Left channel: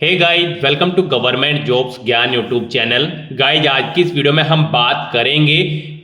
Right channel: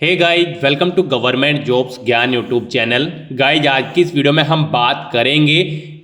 Hey guys, welcome to government jobs Gyan YouTube channel. Guys, आज की इस वीडियो में हम बात करेंगे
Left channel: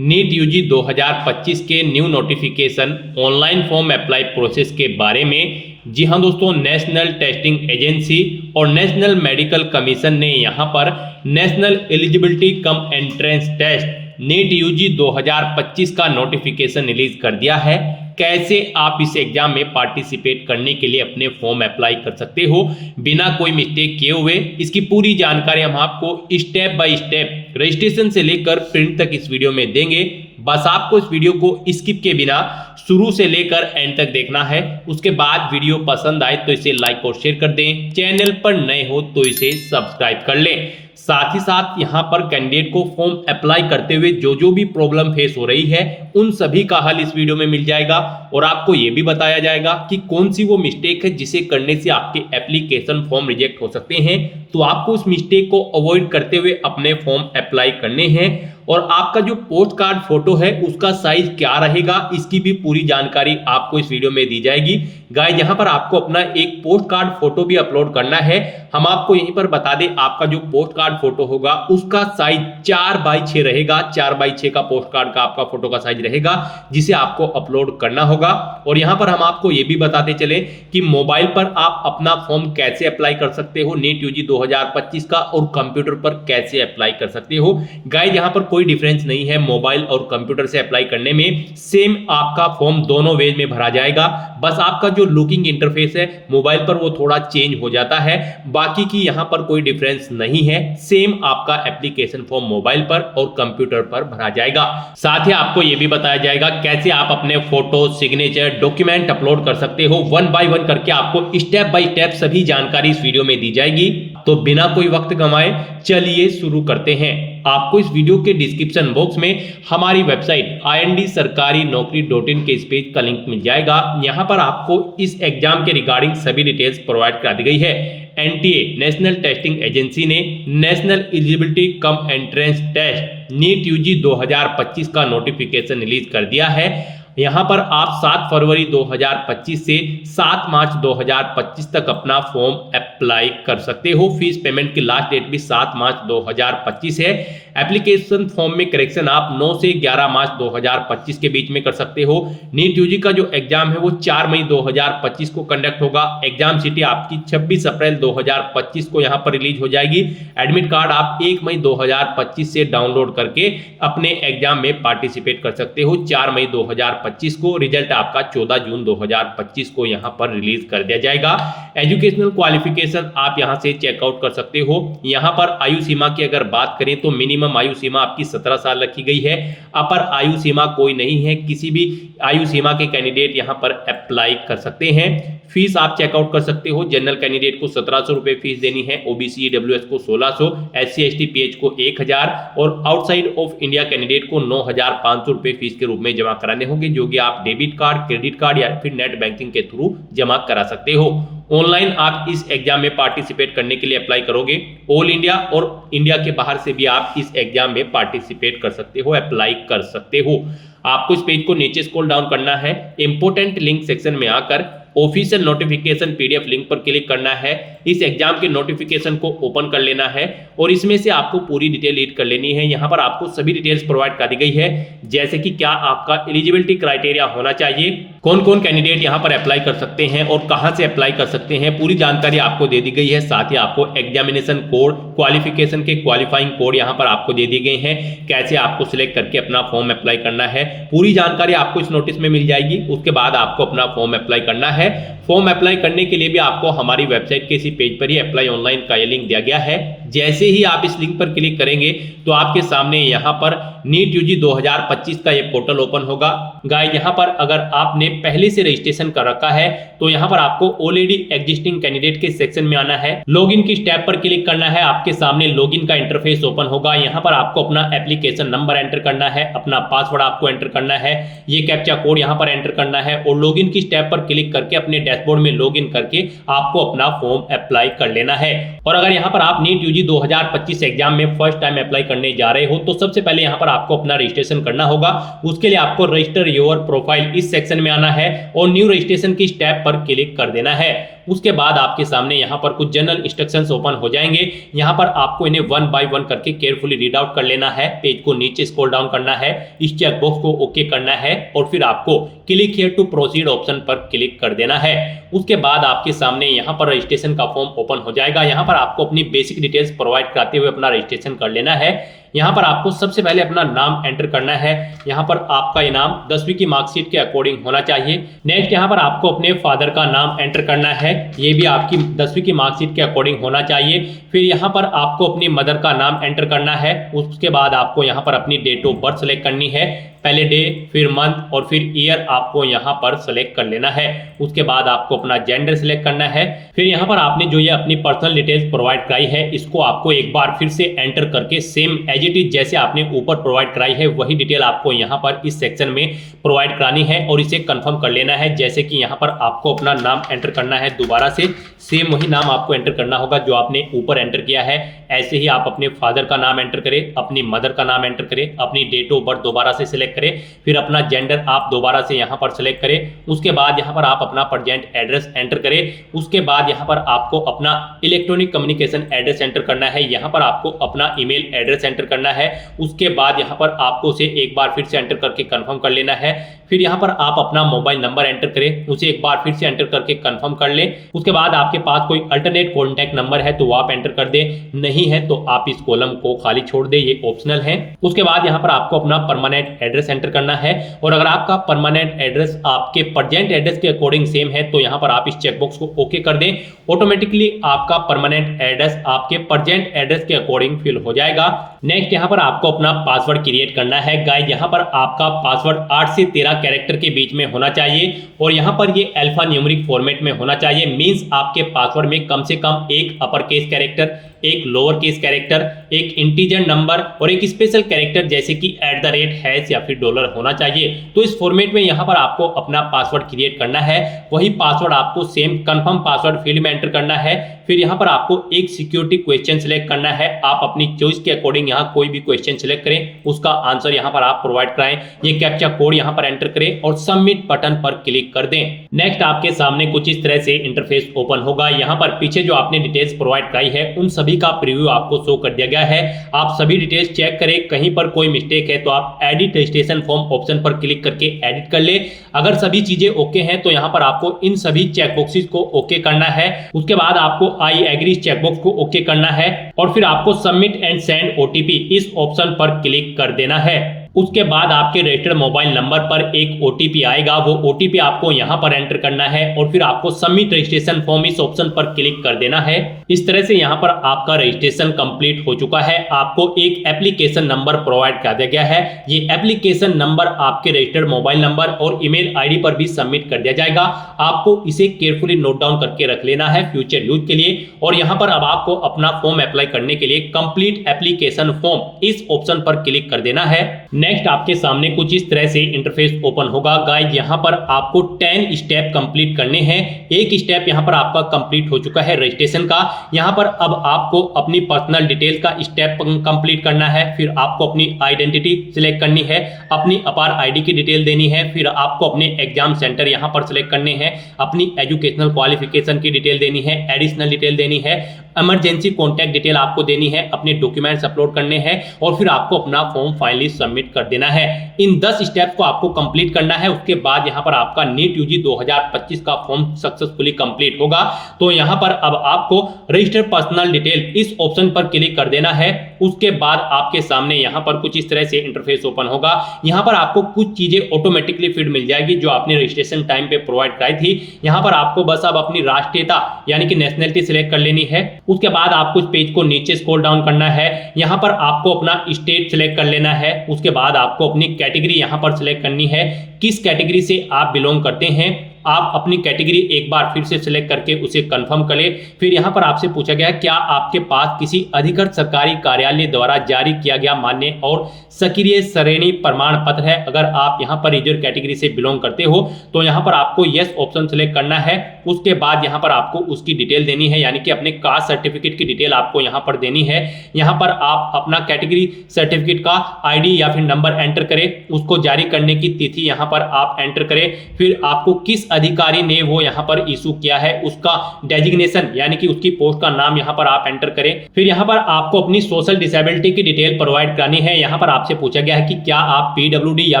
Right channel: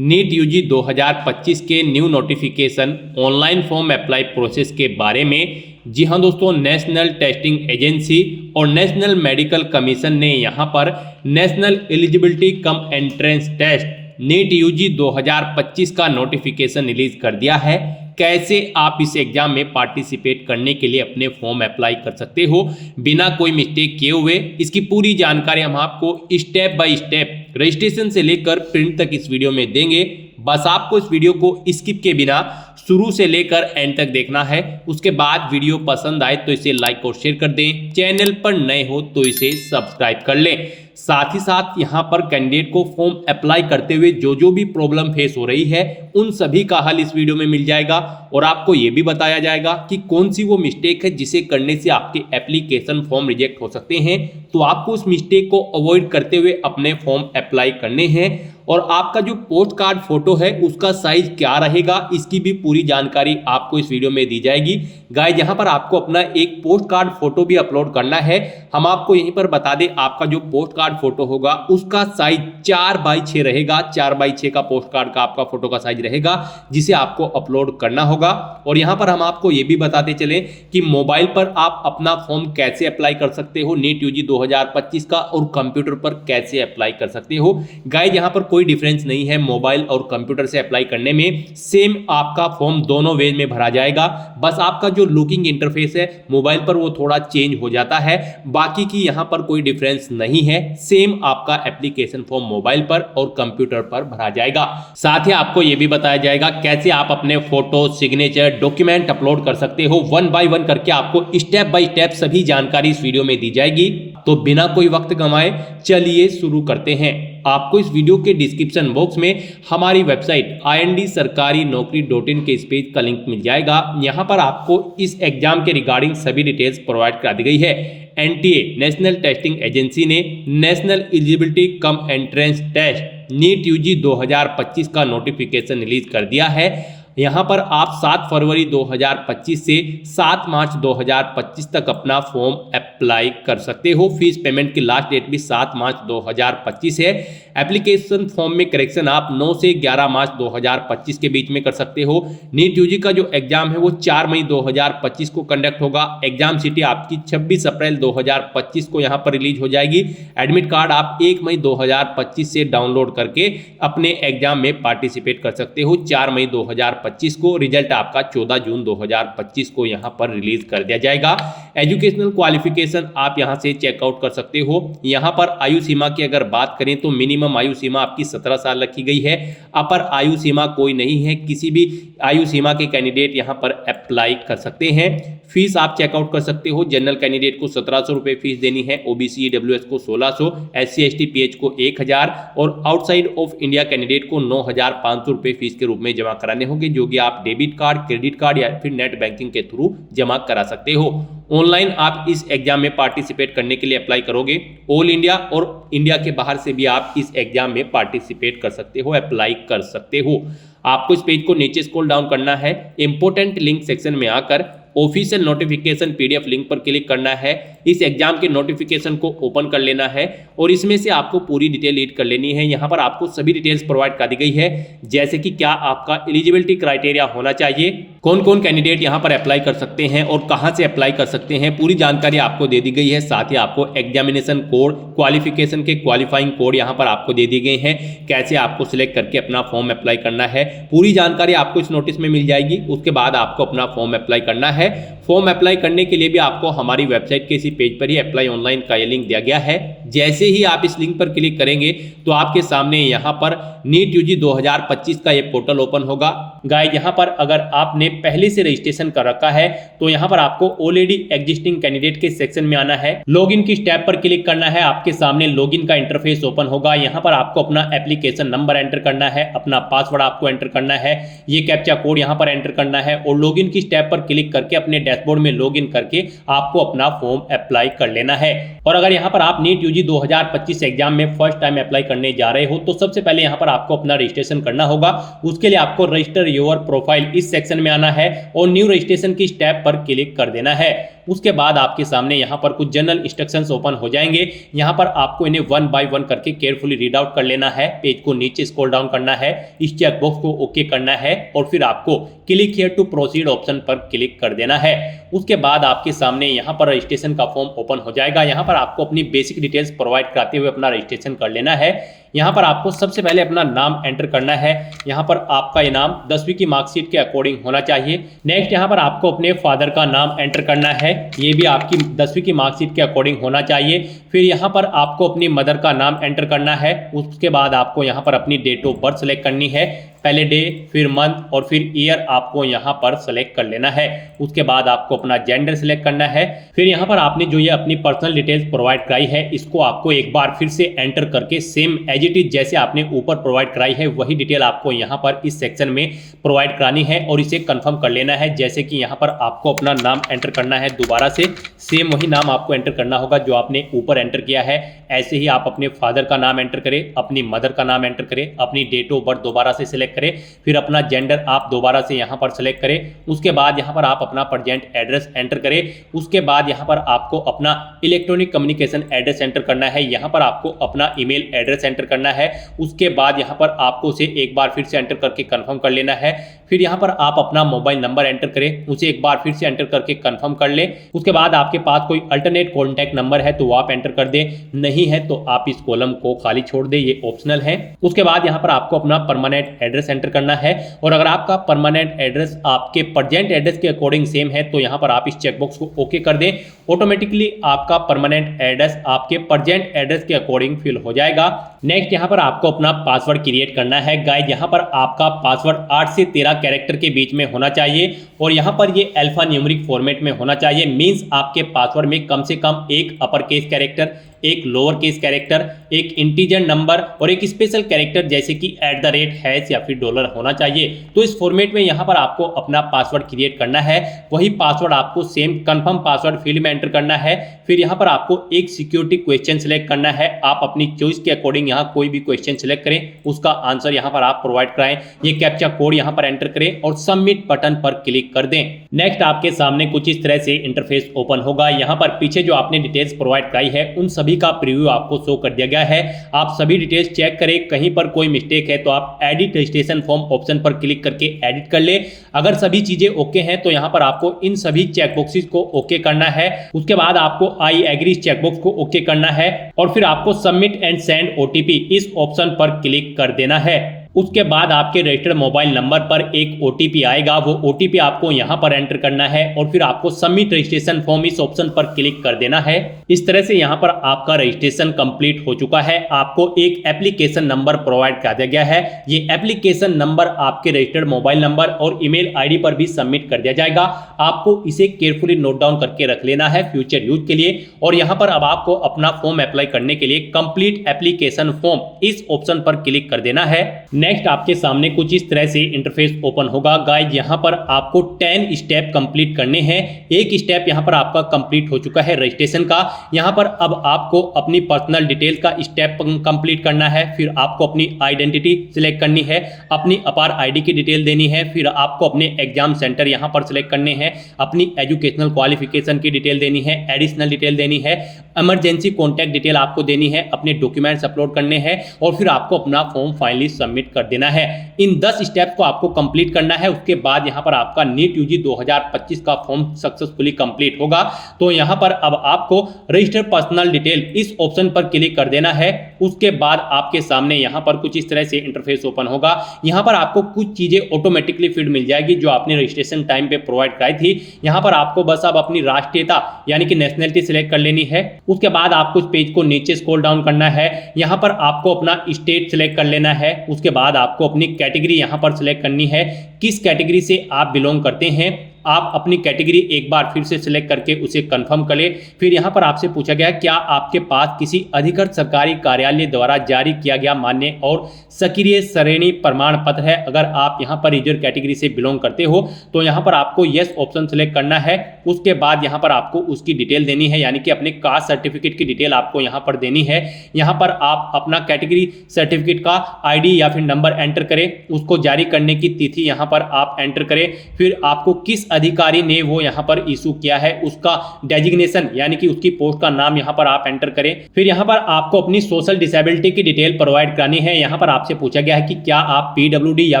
नीट यूजी 2025 के new notification online form apply process के बारे में। जी हाँ दोस्तों, नेशनल टेस्टिंग एजेंसी और नेशनल मेडिकल कमीशन ने यहाँ पर National Eligibility cum Entrance Test NEET UG 2025 का नोटिफिकेशन रिलीज कर दिया है। कैसे आप इस एग्जाम में पार्टिसिपेट करने के लिए अपने फॉर्म अप्लाई कर सकते हो बिना कोई मिस्टेक किए हुए, इसकी पूरी जानकारी हम आपको स्टेप बाय स्टेप रजिस्ट्रेशन से लेकर प्रिंट तक इस वीडियो में देंगे। बस आपको इस वीडियो को स्किप के बिना शुरू से लेकर एंड तक देखना है। उसके बाद वीडियो पसंद आए तो इसे लाइक और शेयर कर दें, चैनल पर नए हो तो इसे सब्सक्राइब कर लें। साथ ही साथ यहाँ पर कैंडिडेट को फॉर्म अप्लाई करते हुए जो भी प्रॉब्लम फेस हो रही है उन सभी का हल इस वीडियो में मिल जाएगा और आपको ये भी बताया जाएगा कि कौन सी वो मिस्टेक है जिसे करने से आपके एप्लीकेशन फॉर्म रिजेक्ट हो सकते हैं। तो आपको उस मिस्टेक को अवॉइड करते हुए अपने फॉर्म अप्लाई करने हैं और आपका जो पोस्ट कार्ड फोटो है उसका साइज क्या रहेगा, इसकी भी पूरी जानकारी आपको इस वीडियो में दी जाएगी। गाइस, यहाँ पर आपको अपना एक पोस्ट कार्ड फोटो भी अपलोड करना है। हम आपको यहीं पर बता दें, आपका जो पोस्ट कार्ड फोटो होगा उसका साइज 4x6 रहेगा। 4x6 का पोस्ट कार्ड का आपका फोटो का साइज रहेगा जिसे आपको अपलोड करना होगा। और यहाँ पर हम आपको ये भी बताते चले कि मोबाइल पर आप अपना फॉर्म कैसे अप्लाई कर सकते हो नीट यूजी 2025 का और कंप्यूटर पर कैसे अप्लाई कर सकते हो। गाइस, यहाँ पर कोई डिफरेंस नहीं है मोबाइल और कंप्यूटर से अप्लाई करने में। सेम आपका फॉर्म दोनों वे में भरा जाएगा। बस आपका जो लुकिंग इंटरफेस है मोबाइल पर वो थोड़ा चेंज हो जाता है, बाकी की यहां पर कोई डिफरेंस नहीं है। सेम आपका एप्लीकेशन फॉर्म मोबाइल पर और कंप्यूटर पर भरा जाएगा। साथ ही आपको यह भी बताया जाएगा कैसे आप अपने फोटो, सिग्नेचर, डॉक्यूमेंट अपलोड कर सकते हो। 1 बाय 1 करके आपको स्टेप बाय स्टेप सभी जानकारी इस वीडियो में दी जाएगी। तो बिना कोई वक्त गंवाए चलिए शुरू करते हैं। आपको इस वीडियो के डिस्क्रिप्शन बॉक्स में हमारी वेबसाइट IND-sarkari-naukri.in के इस पेज का लिंक मिल जाएगा। यहां पर आपको इस एग्जाम के रिगार्डिंग सभी डिटेल्स प्रोवाइड करा दी गई है। NTA नेशनल टेस्टिंग एजेंसी ने National Eligibility cum Entrance Test NEET UG 2025 का नोटिफिकेशन रिलीज कर दिया है। यहाँ पर आप 7 फरवरी 2025 से 7 मार्च 2025 तक अपना फॉर्म अप्लाई कर सकते हो। फीस पेमेंट की लास्ट डेट भी 7 मार्च 2025 है। एप्लीकेशन फॉर्म में करेक्शन आप 9 से 11 मार्च 2025 के बीच में कर सकते हो। नीट यूजी का जो एग्जाम है वो 4 मई 2025 को कंडक्ट होगा। एग्जाम सिटी आपकी 26 अप्रैल 2025 को यहाँ पर रिलीज हो जाएगी। एडमिट कार्ड आप 1 मई 2025 से डाउनलोड करके अपने एग्जाम में पार्टिसिपेट कर सकते हो। 4 मई 2025 को रिजल्ट आपका 14 जून 2025 को यहां पर रिलीज कर दिया जाएगा। एजुकेशनल क्वालिफिकेशन आप यहां से चेकआउट कर सकते हो। यहां पर आयु सीमा की अगर बात करें तो मिनिमम आयु सीमा आपकी 17 साल रखी गई है। अपर आयु सीमा कोई नहीं है, किसी भी आयु सीमा के कैंडिडेट यहां पर अप्लाई कर सकते हैं। फीस आप चेकआउट कर सकते हो। जनरल कैंडिडेट को 1700 रुपए फीस देनी है, ओबीसी ईडब्ल्यूएस को 1600, SC ST PH को 1000 और आउटसाइड ऑफ इंडिया कैंडिडेट को 9500 रुपए फीस के रूप में जमा कराने होंगे, जो कि आप डेबिट कार्ड, क्रेडिट कार्ड या फिर नेट बैंकिंग के थ्रू जमा करा सकते हो। ऑनलाइन आप इस एग्जाम में पार्टिसिपेट करने के लिए अप्लाई करोगे। ऑल इंडिया और इंडिया के बाहर से भी आप इस एग्जाम में पार्टिसिपेट कर सकते हो, अप्लाई कर सकते हो। आपको इस पेज को नीचे स्क्रॉल डाउन करना है, इंपोर्टेंट लिंक सेक्शन में आकर ऑफिशियल नोटिफिकेशन PDF लिंक पर क्लिक करना है। इस एग्जाम के नोटिफिकेशन को ओपन कर लेना है और इसमें से आपको पूरी डिटेल रीड कर लेनी है। यहाँ पर आपको सभी डिटेल्स प्रोवाइड कर दी गई है, जैसे कि क्या आपका एलिजिबिलिटी क्राइटेरिया होना चाहिए, कौन कौन कैंडिडेट यहाँ पर अप्लाई कर सकते हैं और कहाँ से अप्लाई कर सकते हैं, पूरी जानकारी आपको दे दी गई है। साथ ही आपको एग्जामिनेशन कोड, क्वालिफिकेशन के क्वालिफाइंग कोड यहाँ पर आपको दे दी गए हैं, कैसे आपको सिलेक्ट करके अपना फॉर्म अप्लाई करना है। पूरी जानकारी आपको इस नोटिस में मिल जाएगी। उसके बाद आपको अपना फॉर्म अप्लाई करना है। फॉर्म अप्लाई करने के लिए भी आपको हमारी वेबसाइट के इसी पेज पर ही अप्लाई ऑनलाइन का ये लिंक दिया गया है। जैसे ही आप इस लिंक पर क्लिक करेंगे तो आपके सामने यहाँ पर नीट यूजी 2025 का ये पोर्टल ओपन होगा। गाइस, यहाँ पर अगर आपने पहले से रजिस्ट्रेशन कर रखा है तो यहाँ पर आपको ऑलरेडी एग्जिस्टिंग कैंडिडेट के सेक्शन में आना है। लॉगिन की टैब पर क्लिक करना है। आपके सामने लॉगिन का इंटरफेस ओपन होगा। यहाँ पर आपको अपना एप्लीकेशन नंबर एंटर करना है, अपना पासवर्ड आपको एंटर करना है, ये कैप्चा कोड यहाँ पर एंटर करना है और लॉगिन की टैब पर क्लिक करके अपने डैशबोर्ड में लॉगिन करके आपको अपना फॉर्म अप्लाई कर लेना है। और अगर यहाँ पर आप नीट यूजी 2025 एग्जाम में फर्स्ट टाइम अप्लाई करने जा रहे हो तो सबसे पहले यहाँ पर आपको अपना रजिस्ट्रेशन करना होगा। उसके लिए आपको रजिस्टर योर प्रोफाइल इस सेक्शन में आना है और न्यू रजिस्ट्रेशन की स्टेप पर क्लिक कर देना है। उसके बाद आपके सामने यहाँ पर कुछ जनरल इंस्ट्रक्शंस ओपन हो जाएंगे। यहाँ पर आपको इन्हें वन बाय वन करके केयरफुली रीड आउट कर लेना है। पेज को नीचे स्क्रॉल डाउन करना है, इस चेकबॉक्स को ओके करना है और फिर आपको click here to proceed option पर क्लिक कर देना है। उसके बाद आपके सामने यहाँ पर रजिस्ट्रेशन का फॉर्म ओपन हो जाएगा। यहाँ पर आपको अपनी बेसिक डिटेल्स प्रोवाइड कराते हुए अपना रजिस्ट्रेशन कर लेना है। यहाँ पर आपको सबसे पहले अपना नाम एंटर करना है। यहाँ पर आपका इनाम 10वीं की मार्कशीट के अकॉर्डिंग होना चाहिए। नेक्स्ट यहाँ पर आपको अपने फादर का नाम एंटर करना है, ये भी आपकी 10वीं की मार्कशीट के अकॉर्डिंग होना चाहिए। फिर यहाँ पर आपको अपनी मदर का नाम एंटर करना है। उसके बाद आपको यहाँ पर अपनी डेट ऑफ बर्थ सेलेक्ट करनी है, पहले डे फिर मंथ और फिर ईयर आपको यहाँ पर सेलेक्ट कर लेना है। उसके बाद आपको अपना जेंडर सेलेक्ट करना है। फिर यहाँ पर आपने जो ये अपनी पर्सनल डिटेल्स प्रोवाइड कराई है, इसको आपको एक बार फिर से एंटर करके सेम एज इट इज जैसे आपने ऊपर प्रोवाइड कराई है वही डिटेल आपको यहाँ पर इस सेक्शन में प्रोवाइड करानी है और इसे कंफर्म कर लेना है। जैसे कि यहाँ पर आपको अपना नाम एंटर करना है, दोबारा से सेम वही नाम आपको एंटर करना होगा जो आपने ऊपर एंटर किया है। ऐसे ही आप अपने फादर का नाम एंटर करें, अपनी मदर का नाम एंटर करें, अपनी डेट ऑफ बर्थ दोबारा से सिलेक्ट करें, फिर अपना जेंडर आप दोबारा से यहाँ पर सेलेक्ट करें। उसके बाद यहाँ पर आप अपना प्रेजेंट एड्रेस एंटर करें। उसके बाद यहाँ पर आपको अपना इलेक्ट्रॉनिक कम्युनिकेशन एड्रेस एंटर करना है। यहाँ पर आपको अपना ईमेल एड्रेस एंटर करना है। उसके बाद यहाँ पर आपको उसे एक बार फिर से एंटर करके कंफर्म कर लेना है। फिर यहाँ पर आप अपना मोबाइल नंबर एंटर करें, उसे एक बार फिर से एंटर करके कंफर्म कर लें। उसके बाद आपके पास कोई अल्टरनेट कॉन्टैक्ट नंबर है तो वो आप एंटर कर दें, नहीं है तो आप इस कॉलम को खाली छोड़ दें, ये ऑप्शनल है। उसके बाद यहाँ पर आपको अपना परमानेंट एड्रेस एंटर करना है और अगर आपका परमानेंट एड्रेस आपके प्रेजेंट एड्रेस के अकॉर्डिंग सेम है तो यहाँ पर आप इस चेकबॉक्स को ओके कर दें। ऑटोमेटिकली आपका परमानेंट एड्रेस आपके प्रेजेंट एड्रेस के अकॉर्डिंग फिल हो जाएगा। नेक्स्ट यहाँ पर आपको अपना पासवर्ड क्रिएट करना है। गाइस यहाँ पर आपका पासवर्ड 8 से 13 कैरेक्टर के बीच में होना चाहिए और यहाँ पर ये अल्फा न्यूमेरिक फॉर्मेट में होना चाहिए। मींस आपके पासवर्ड में कम से कम एक अपर केस कैरेक्टर, एक लोअर केस कैरेक्टर, एक इंटीजर नंबर और एक स्पेशल कैरेक्टर जैसे कि @ हैश या फिर डॉलर होना चाहिए। तो इस फॉर्मेट में यहाँ पर आपको अपना पासवर्ड क्रिएट करना है। वही पासवर्ड आपको सेम कंफर्म पासवर्ड फील्ड में एंटर करना है। फिर यहाँ पर आपको एक सिक्योरिटी क्वेश्चन सिलेक्ट करना है। आप अपनी चॉइस के अकॉर्डिंग यहाँ कोई भी क्वेश्चन सिलेक्ट करें, उसका आंसर यहाँ पर आप प्रोवाइड कराएं। ये कैप्चा कोड यहाँ पर एंटर करें और सबमिट बटन पर क्लिक कर दें। नेक्स्ट आपके सामने कुछ इस तरह से इंटरफेस ओपन होगा। यहाँ पर पीछे जो आपने डिटेल्स प्रोवाइड कराई है उन सभी का प्रीव्यू आपको शो कर दिया गया है। आप सभी डिटेल्स चेक करें, कहीं पर कोई मिस्टेक है तो आप एडिट रजिस्ट्रेशन फॉर्म ऑप्शन पर क्लिक करके एडिट कर ले। अगर सभी चीजें ओके हैं तो यहाँ पर आपको इन सभी चेकबॉक्सेस को ओके करना है। उसके बाद आपको आई एग्री चेकबॉक्स को ओके करना है और फिर आपको सबमिट एंड सेंड ओटीपी इस ऑप्शन पर क्लिक कर देना है। उसके बाद आपके रजिस्टर्ड मोबाइल नंबर पर एक ओटीपी आएगा, वो ओटीपी आपको यहाँ पर एंटर करना है और फिर आपको सबमिट रजिस्ट्रेशन फॉर्म इस ऑप्शन पर क्लिक कर देना है। इस तरह से यहाँ पर आपका रजिस्ट्रेशन कंप्लीट हो चुका है। आपको एक एप्लीकेशन नंबर प्रोवाइड कर दिया गया है। ये एप्लीकेशन नंबर आपके रजिस्टर्ड मोबाइल नंबर और ईमेल आईडी पर भी सबमिट कर दिया जाएगा। आपको इसे केयरफुली नोट डाउन करके रख लेना है फ्यूचर यूज के लिए। और यहाँ पर अब आपको अपना फॉर्म अप्लाई करने के लिए कंप्लीट एप्लीकेशन फॉर्म इस ऑप्शन पर क्लिक कर देना है। नेक्स्ट आपके सामने कुछ इस तरह से इंटरफेस ओपन होगा। गाइस यहाँ पर आपको 10 स्टेप कंप्लीट करने हैं। एक स्टेप यहाँ पर आपका कंप्लीट हो चुका है रजिस्ट्रेशन का। यहाँ पर अब आपको अपनी पर्सनल डिटेल का स्टेप कंप्लीट करना है। फिर आपको अपनी आइडेंटिटी सिलेक्ट करनी है, अपनी अपार आईडी की डिटेल देनी है। फिर आपको अपने एग्जाम सेंटर यहाँ पर सिलेक्ट करने हैं, अपनी एजुकेशनल क्वालिफिकेशन की डिटेल देनी है, एडिशनल डिटेल देनी है, इमरजेंसी कॉन्टैक्ट डिटेल आपको देनी है, अपने डॉक्यूमेंट्स अपलोड करने हैं और फिर आपको अपना फॉर्म फाइनली सबमिट कर देना है। इन 10 स्टेप्स को आपको कंप्लीट करना है। उसके बाद यहाँ पर आपका नीट यूजी 2025 का फॉर्म सक्सेसफुली कंप्लीट होगा। तो यहाँ पर अब आपको रजिस्टर पर्सनल डिटेल इस ऑप्शन पर क्लिक कर देना है। उसके बाद आपके सामने यहाँ पर कुछ इस तरह से इंटरफेस ओपन होगा। यहाँ पर आपको कुछ चीजें ऑटोमेटिकली फीड मिल जाएगी जो आपने रजिस्ट्रेशन टाइम पे प्रोवाइड कराई थी। यहाँ पर आपको बस अब अपनी राष्ट्रीयता यानी कि नेशनलिटी सिलेक्ट कर लेनी है। उसके बाद आपको इस पेज को नीचे स्क्रॉल डाउन करना है। यहाँ पर आपको अपना स्टेट सिलेक्ट कर लेना है। उसके बाद आपको अपनी कैटेगरी यहाँ पर सिलेक्ट करनी है, किस कैटेगरी से आप बिलोंग करते हैं। आप अपनी कैटेगरी एक बार फिर से सिलेक्ट करके उसे कंफर्म कर ले। फिर यहाँ पर आपसे पूछा गया क्या आपके पास किसी अधिकृत सरकारी कार्यालय द्वारा जारी किया गया मान्य और सक्रिय श्रेणी प्रमाण पत्र है। अगर आप यहाँ पर रिजर्व कैटेगरी से बिलोंग करते हो तो यहाँ पर आपको यस ऑप्शन सिलेक्ट करना है। उसके बाद यहाँ पर आपको उसकी डिटेल देनी है, यानी कि अपने कास्ट सर्टिफिकेट की डिटेल आपको यहाँ पर देनी है। यहाँ पर आप अपना कैटेगरी सर्टिफिकेट का आईडी या फिर नंबर एंटर करें, उसको जारी करने की तिथि यहाँ पर आप एंटर करें। फिर आपको किस अधिकारी ने वो यहाँ पर इशू किया है उसका डेजिग्नेशन यानी कि उसकी पोस्ट का नाम यहाँ पर आप एंटर करें। फिर यहाँ पर आपको अपनी सोशल डिसेबिलिटी की डिटेल प्रोवाइड करानी है। यहाँ पर आपसे पूछा गया है कि क्या आप पीडब्ल्यूडी या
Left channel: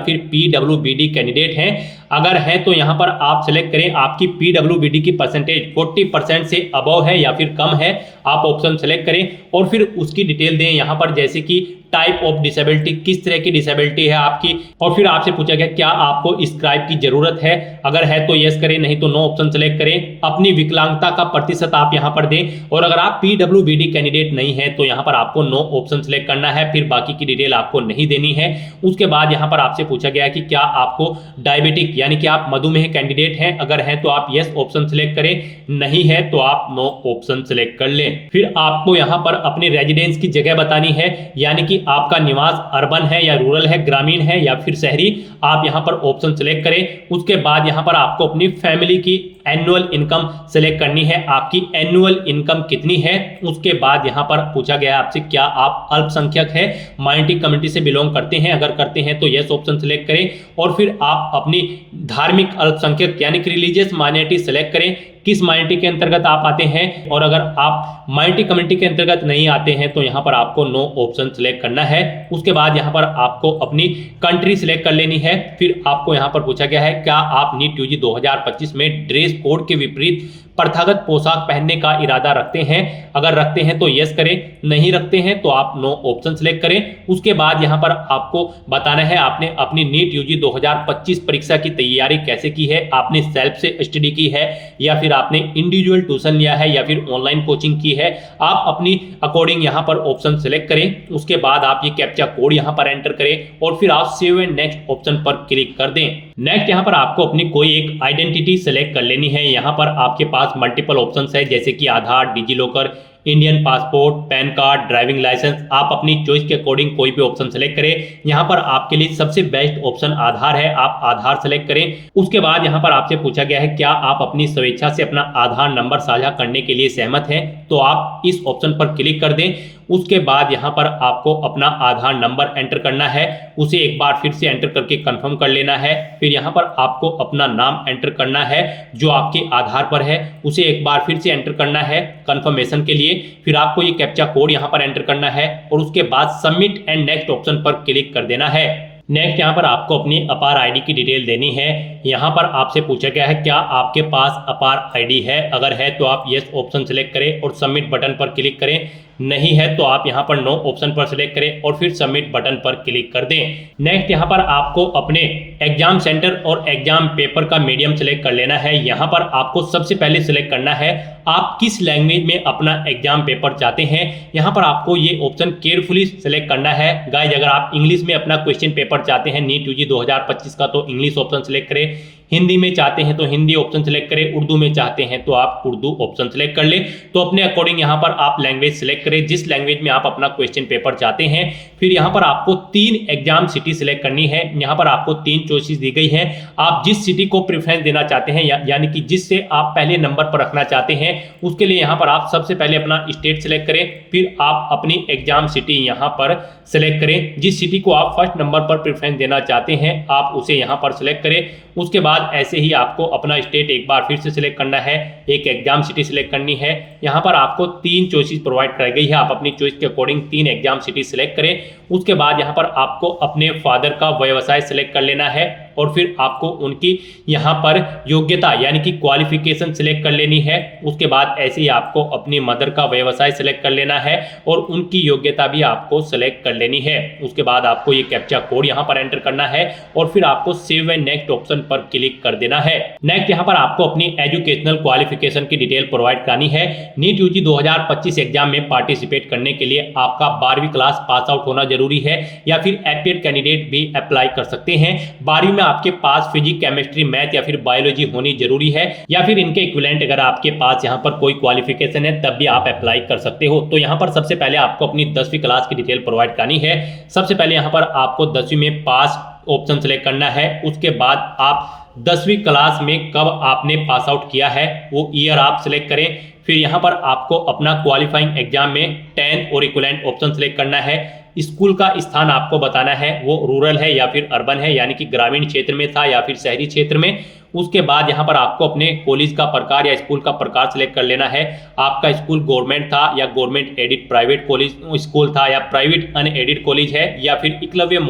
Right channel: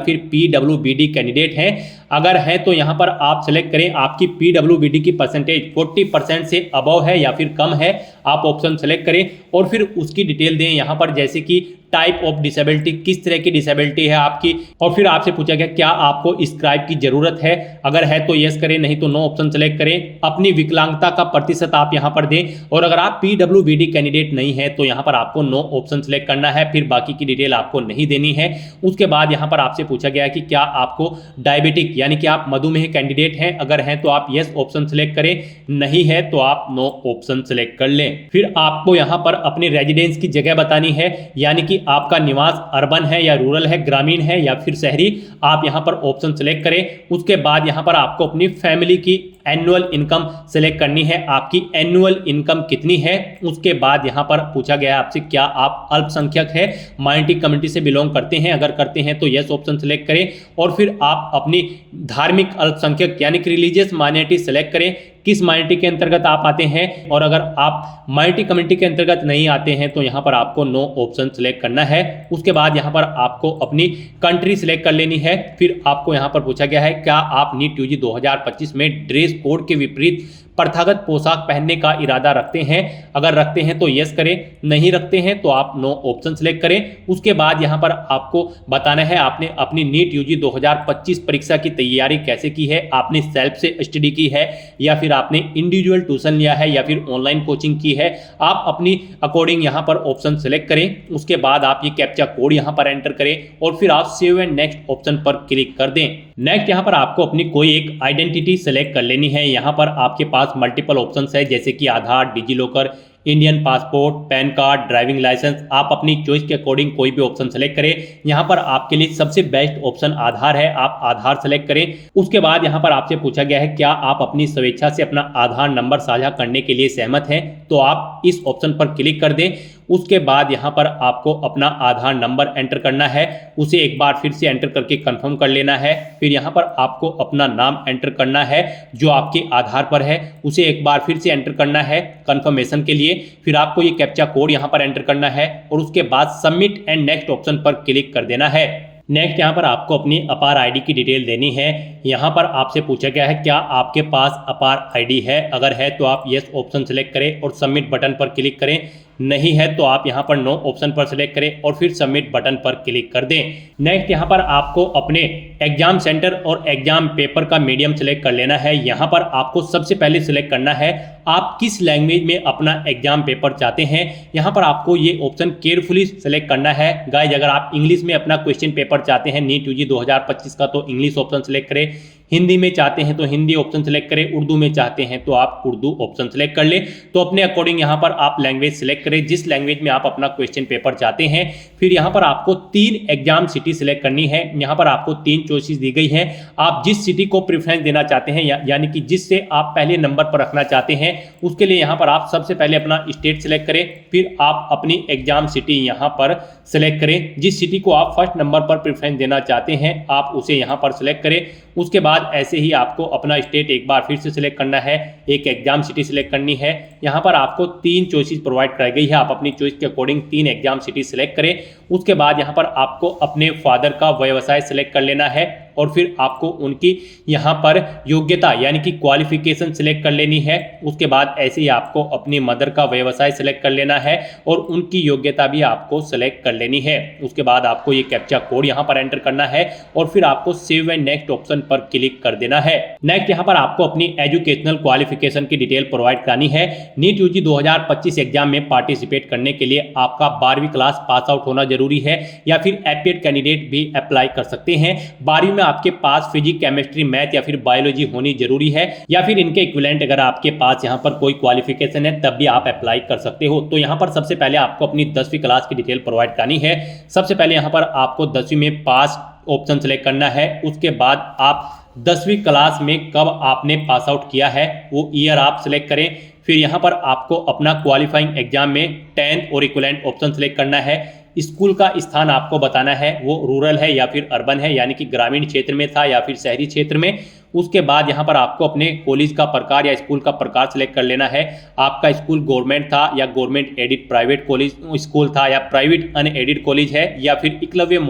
फिर पीडब्ल्यूबीडी कैंडिडेट हैं। अगर है तो यहाँ पर आप सिलेक्ट करें आपकी पीडब्ल्यूबीडी की परसेंटेज 40% से अबव है या फिर कम है, आप ऑप्शन सेलेक्ट करें और फिर उसकी डिटेल दें यहाँ पर, जैसे कि टाइप ऑफ डिसेबिलिटी, किस तरह की डिसेबिलिटी है आपकी, और फिर आपसे पूछा गया क्या आपको स्क्राइब की जरूरत है। अगर है तो यस करें, नहीं तो नो ऑप्शन सेलेक्ट करें। अपनी विकलांगता का प्रतिशत आप यहाँ पर दें और अगर आप पीडब्ल्यूबीडी कैंडिडेट नहीं है तो यहाँ पर आपको नो ऑप्शन सेलेक्ट करना है, फिर बाकी की डिटेल आपको नहीं देनी है। उसके बाद यहाँ पर आपसे पूछा गया कि क्या आपको डायबिटिक यानी कि आप मधुमेह कैंडिडेट हैं। अगर है तो आप यस ऑप्शन सेलेक्ट करें, नहीं है तो आप नो ऑप्शन सेलेक्ट कर लें। फिर आपको यहाँ पर अपनी रेजिडेंस की जगह बतानी है, यानी कि आपका निवास अर्बन है या रूरल है, ग्रामीण है या फिर शहरी, आप यहां पर ऑप्शन सेलेक्ट करें। उसके बाद यहां पर आपको अपनी फैमिली की एनुअल इनकम सेलेक्ट करनी है, आपकी एनुअल इनकम कितनी है। उसके बाद यहां पर पूछा गया आपसे क्या आप अल्पसंख्यक है, माइनॉरिटी कम्युनिटी से बिलोंग करते हैं। अगर करते हैं तो यस ऑप्शन सेलेक्ट करें और फिर आप अपनी धार्मिक अल्पसंख्यक यानी कि रिलीजियस माइनॉरिटी सेलेक्ट करें, किस माइनॉरिटी के अंतर्गत आप आते हैं। और अगर आप माइनॉरिटी कम्युनिटी के अंतर्गत नहीं आते हैं तो यहाँ पर आपको नो ऑप्शन सेलेक्ट करना है। उसके बाद यहाँ पर आपको अपनी कंट्री सेलेक्ट कर लेनी है। फिर आपको यहाँ पर पूछा गया है क्या आप नीट यूजी 2025 में ड्रेस कोड के विपरीत प्रथागत पोशाक पहनने का इरादा रखते हैं। अगर रखते हैं तो यस करें, नहीं रखते हैं तो आप नो ऑप्शन सेलेक्ट करें। उसके बाद यहाँ पर आपको बताना है आपने अपनी नीट यूजी 2025 परीक्षा की तैयारी कैसे की है। आपने सेल्फ से स्टडी की है या फिर आपने इंडिविजुअल ट्यूशन लिया है या फिर ऑनलाइन कोचिंग की है, आप अपनी अकॉर्डिंग यहाँ पर ऑप्शन सेलेक्ट करें। उसके बाद आप ये कैप्चा कोड यहाँ पर एंटर करें और फिर आप सेव एंड नेक्स्ट ऑप्शन पर क्लिक कर दें। नेक्स्ट यहाँ पर आपको अपनी कोई एक आइडेंटिटी सेलेक्ट कर लेनी है। यहाँ पर आपके पास मल्टीपल ऑप्शंस है, जैसे कि Aadhaar, DigiLocker, Indian passport, PAN card, driving licence. आप अपनी चॉइस के अकॉर्डिंग कोई भी ऑप्शन सेलेक्ट करें। यहाँ पर आपके लिए सबसे बेस्ट ऑप्शन आधार है, आप आधार सेलेक्ट करें। उसके बाद यहाँ पर आपसे पूछा गया है क्या आप अपनी स्वेच्छा से अपना आधार नंबर साझा करने के लिए सहमत हैं, तो आप इस ऑप्शन पर क्लिक कर दें। उसके बाद यहाँ पर आपको अपना आधार नंबर एंटर करना है, उसे एक बार फिर से एंटर करके कंफर्म कर लेना है। फिर यहाँ पर आपको अपना नाम एंटर करना है जो आपके आधार पर है, उसे एक बार फिर से एंटर करना है कंफर्मेशन के लिए। फिर आपको ये कैप्चा कोड यहाँ पर एंटर करना है और उसके बाद सबमिट एंड नेक्स्ट ऑप्शन पर क्लिक कर देना है। नेक्स्ट यहाँ पर आपको अपनी अपार आईडी की डिटेल देनी है। यहाँ पर आपसे पूछा गया है क्या आपके पास अपार आईडी है। अगर है तो आप यस ऑप्शन सेलेक्ट करें और सबमिट बटन पर क्लिक करें, नहीं है तो आप यहाँ पर नो ऑप्शन पर सिलेक्ट करें और फिर सबमिट बटन पर क्लिक कर दें। नेक्स्ट यहाँ पर आपको अपने एग्जाम सेंटर और एग्जाम पेपर का मीडियम सेलेक्ट कर लेना है। यहाँ पर आपको सबसे पहले सिलेक्ट करना है आप किस लैंग्वेज में अपना एग्जाम पेपर चाहते हैं। यहाँ पर आपको ये ऑप्शन केयरफुली सिलेक्ट करना है। गाइज अगर आप इंग्लिश में अपना क्वेश्चन पेपर चाहते हैं नीट यूजी 2025 का तो इंग्लिश ऑप्शन सिलेक्ट करें, हिंदी में चाहते हैं तो हिंदी ऑप्शन सेलेक्ट करें, उर्दू में चाहते हैं तो आप उर्दू ऑप्शन सेलेक्ट कर लें। तो अपने अकॉर्डिंग यहाँ पर आप लैंग्वेज सेलेक्ट करें जिस लैंग्वेज में आप अपना क्वेश्चन पेपर चाहते हैं। फिर यहाँ पर आपको 3 एग्जाम सिटी सिलेक्ट करनी है। यहाँ पर आपको 3 चॉइसेस दी गई हैं। आप जिस सिटी को प्रेफरेंस देना चाहते हैं यानी कि जिससे आप पहले नंबर पर रखना चाहते हैं, उसके लिए यहाँ पर आप सबसे पहले अपना स्टेट सेलेक्ट करें। फिर आप अपनी एग्जाम सिटी यहाँ पर सेलेक्ट करें। जिस सिटी को आप फर्स्ट नंबर पर प्रेफरेंस देना चाहते हैं आप उसे यहाँ पर सेलेक्ट करें। उसके बाद ऐसे ही आपको अपना स्टेट एक बार फिर से सिलेक्ट करना है, एक एग्जाम सिटी सिलेक्ट करनी है। यहाँ पर आपको 3 चॉइसेस प्रोवाइड कराई गई है, आप अपनी चॉइस के अकॉर्डिंग 3 एग्जाम सिटी सिलेक्ट करें। उसके बाद यहाँ पर आपको अपने फादर का व्यवसाय सिलेक्ट कर लेना है और फिर आपको उनकी यहाँ पर योग्यता यानी कि क्वालिफिकेशन सिलेक्ट कर लेनी है। उसके बाद ऐसे ही आपको अपनी मदर का व्यवसाय सिलेक्ट कर लेना है और उनकी योग्यता भी आपको सिलेक्ट कर लेनी है। उसके बाद आपको ये कैप्चा कोड यहाँ पर एंटर करना है और फिर आपको सेव एंड नेक्स्ट ऑप्शन पर क्लिक कर देना है। नेक्स्ट यहाँ पर आपको अपनी एजुकेशनल क्वालिफिकेशन की डिटेल प्रोवाइड करानी है। नीट यूजी 2025 एग्जाम में पार्टिसिपेट करने के लिए आपका 12वीं क्लास पास आउट होना जरूरी है या फिर एप्टेड कैंडिडेट भी अप्लाई कर सकते हैं। 12वीं में आपके पास फिजिक्स, केमिस्ट्री, मैथ या फिर बायोलॉजी होनी जरूरी है या फिर इनके इक्विवेलेंट अगर आपके पास यहाँ पर कोई क्वालिफिकेशन है तब भी आप अप्लाई कर सकते हो। तो यहाँ पर सबसे पहले आपको अपनी 10वीं क्लास की डिटेल प्रोवाइड करानी है। सबसे पहले यहाँ पर आपको 10वीं में पास ऑप्शन सेलेक्ट करना है। उसके बाद आप 10वीं क्लास में कब आपने पास आउट किया है वो ईयर आप सिलेक्ट करें। फिर यहाँ पर आपको अपना क्वालिफाइंग एग्जाम में 10 और इक्विवेलेंट ऑप्शन सेलेक्ट करना है। स्कूल का स्थान आपको बताना है वो रूरल है या फिर अर्बन है यानी कि ग्रामीण क्षेत्र में था या फिर शहरी क्षेत्र में। उसके बाद यहाँ पर आपको अपने कॉलेज का प्रकार या स्कूल का प्रकार सेलेक्ट कर लेना है। आपका स्कूल गवर्नमेंट था या government added private college school था या प्राइवेट अनएडिड कॉलेज है या फिर एकलव्य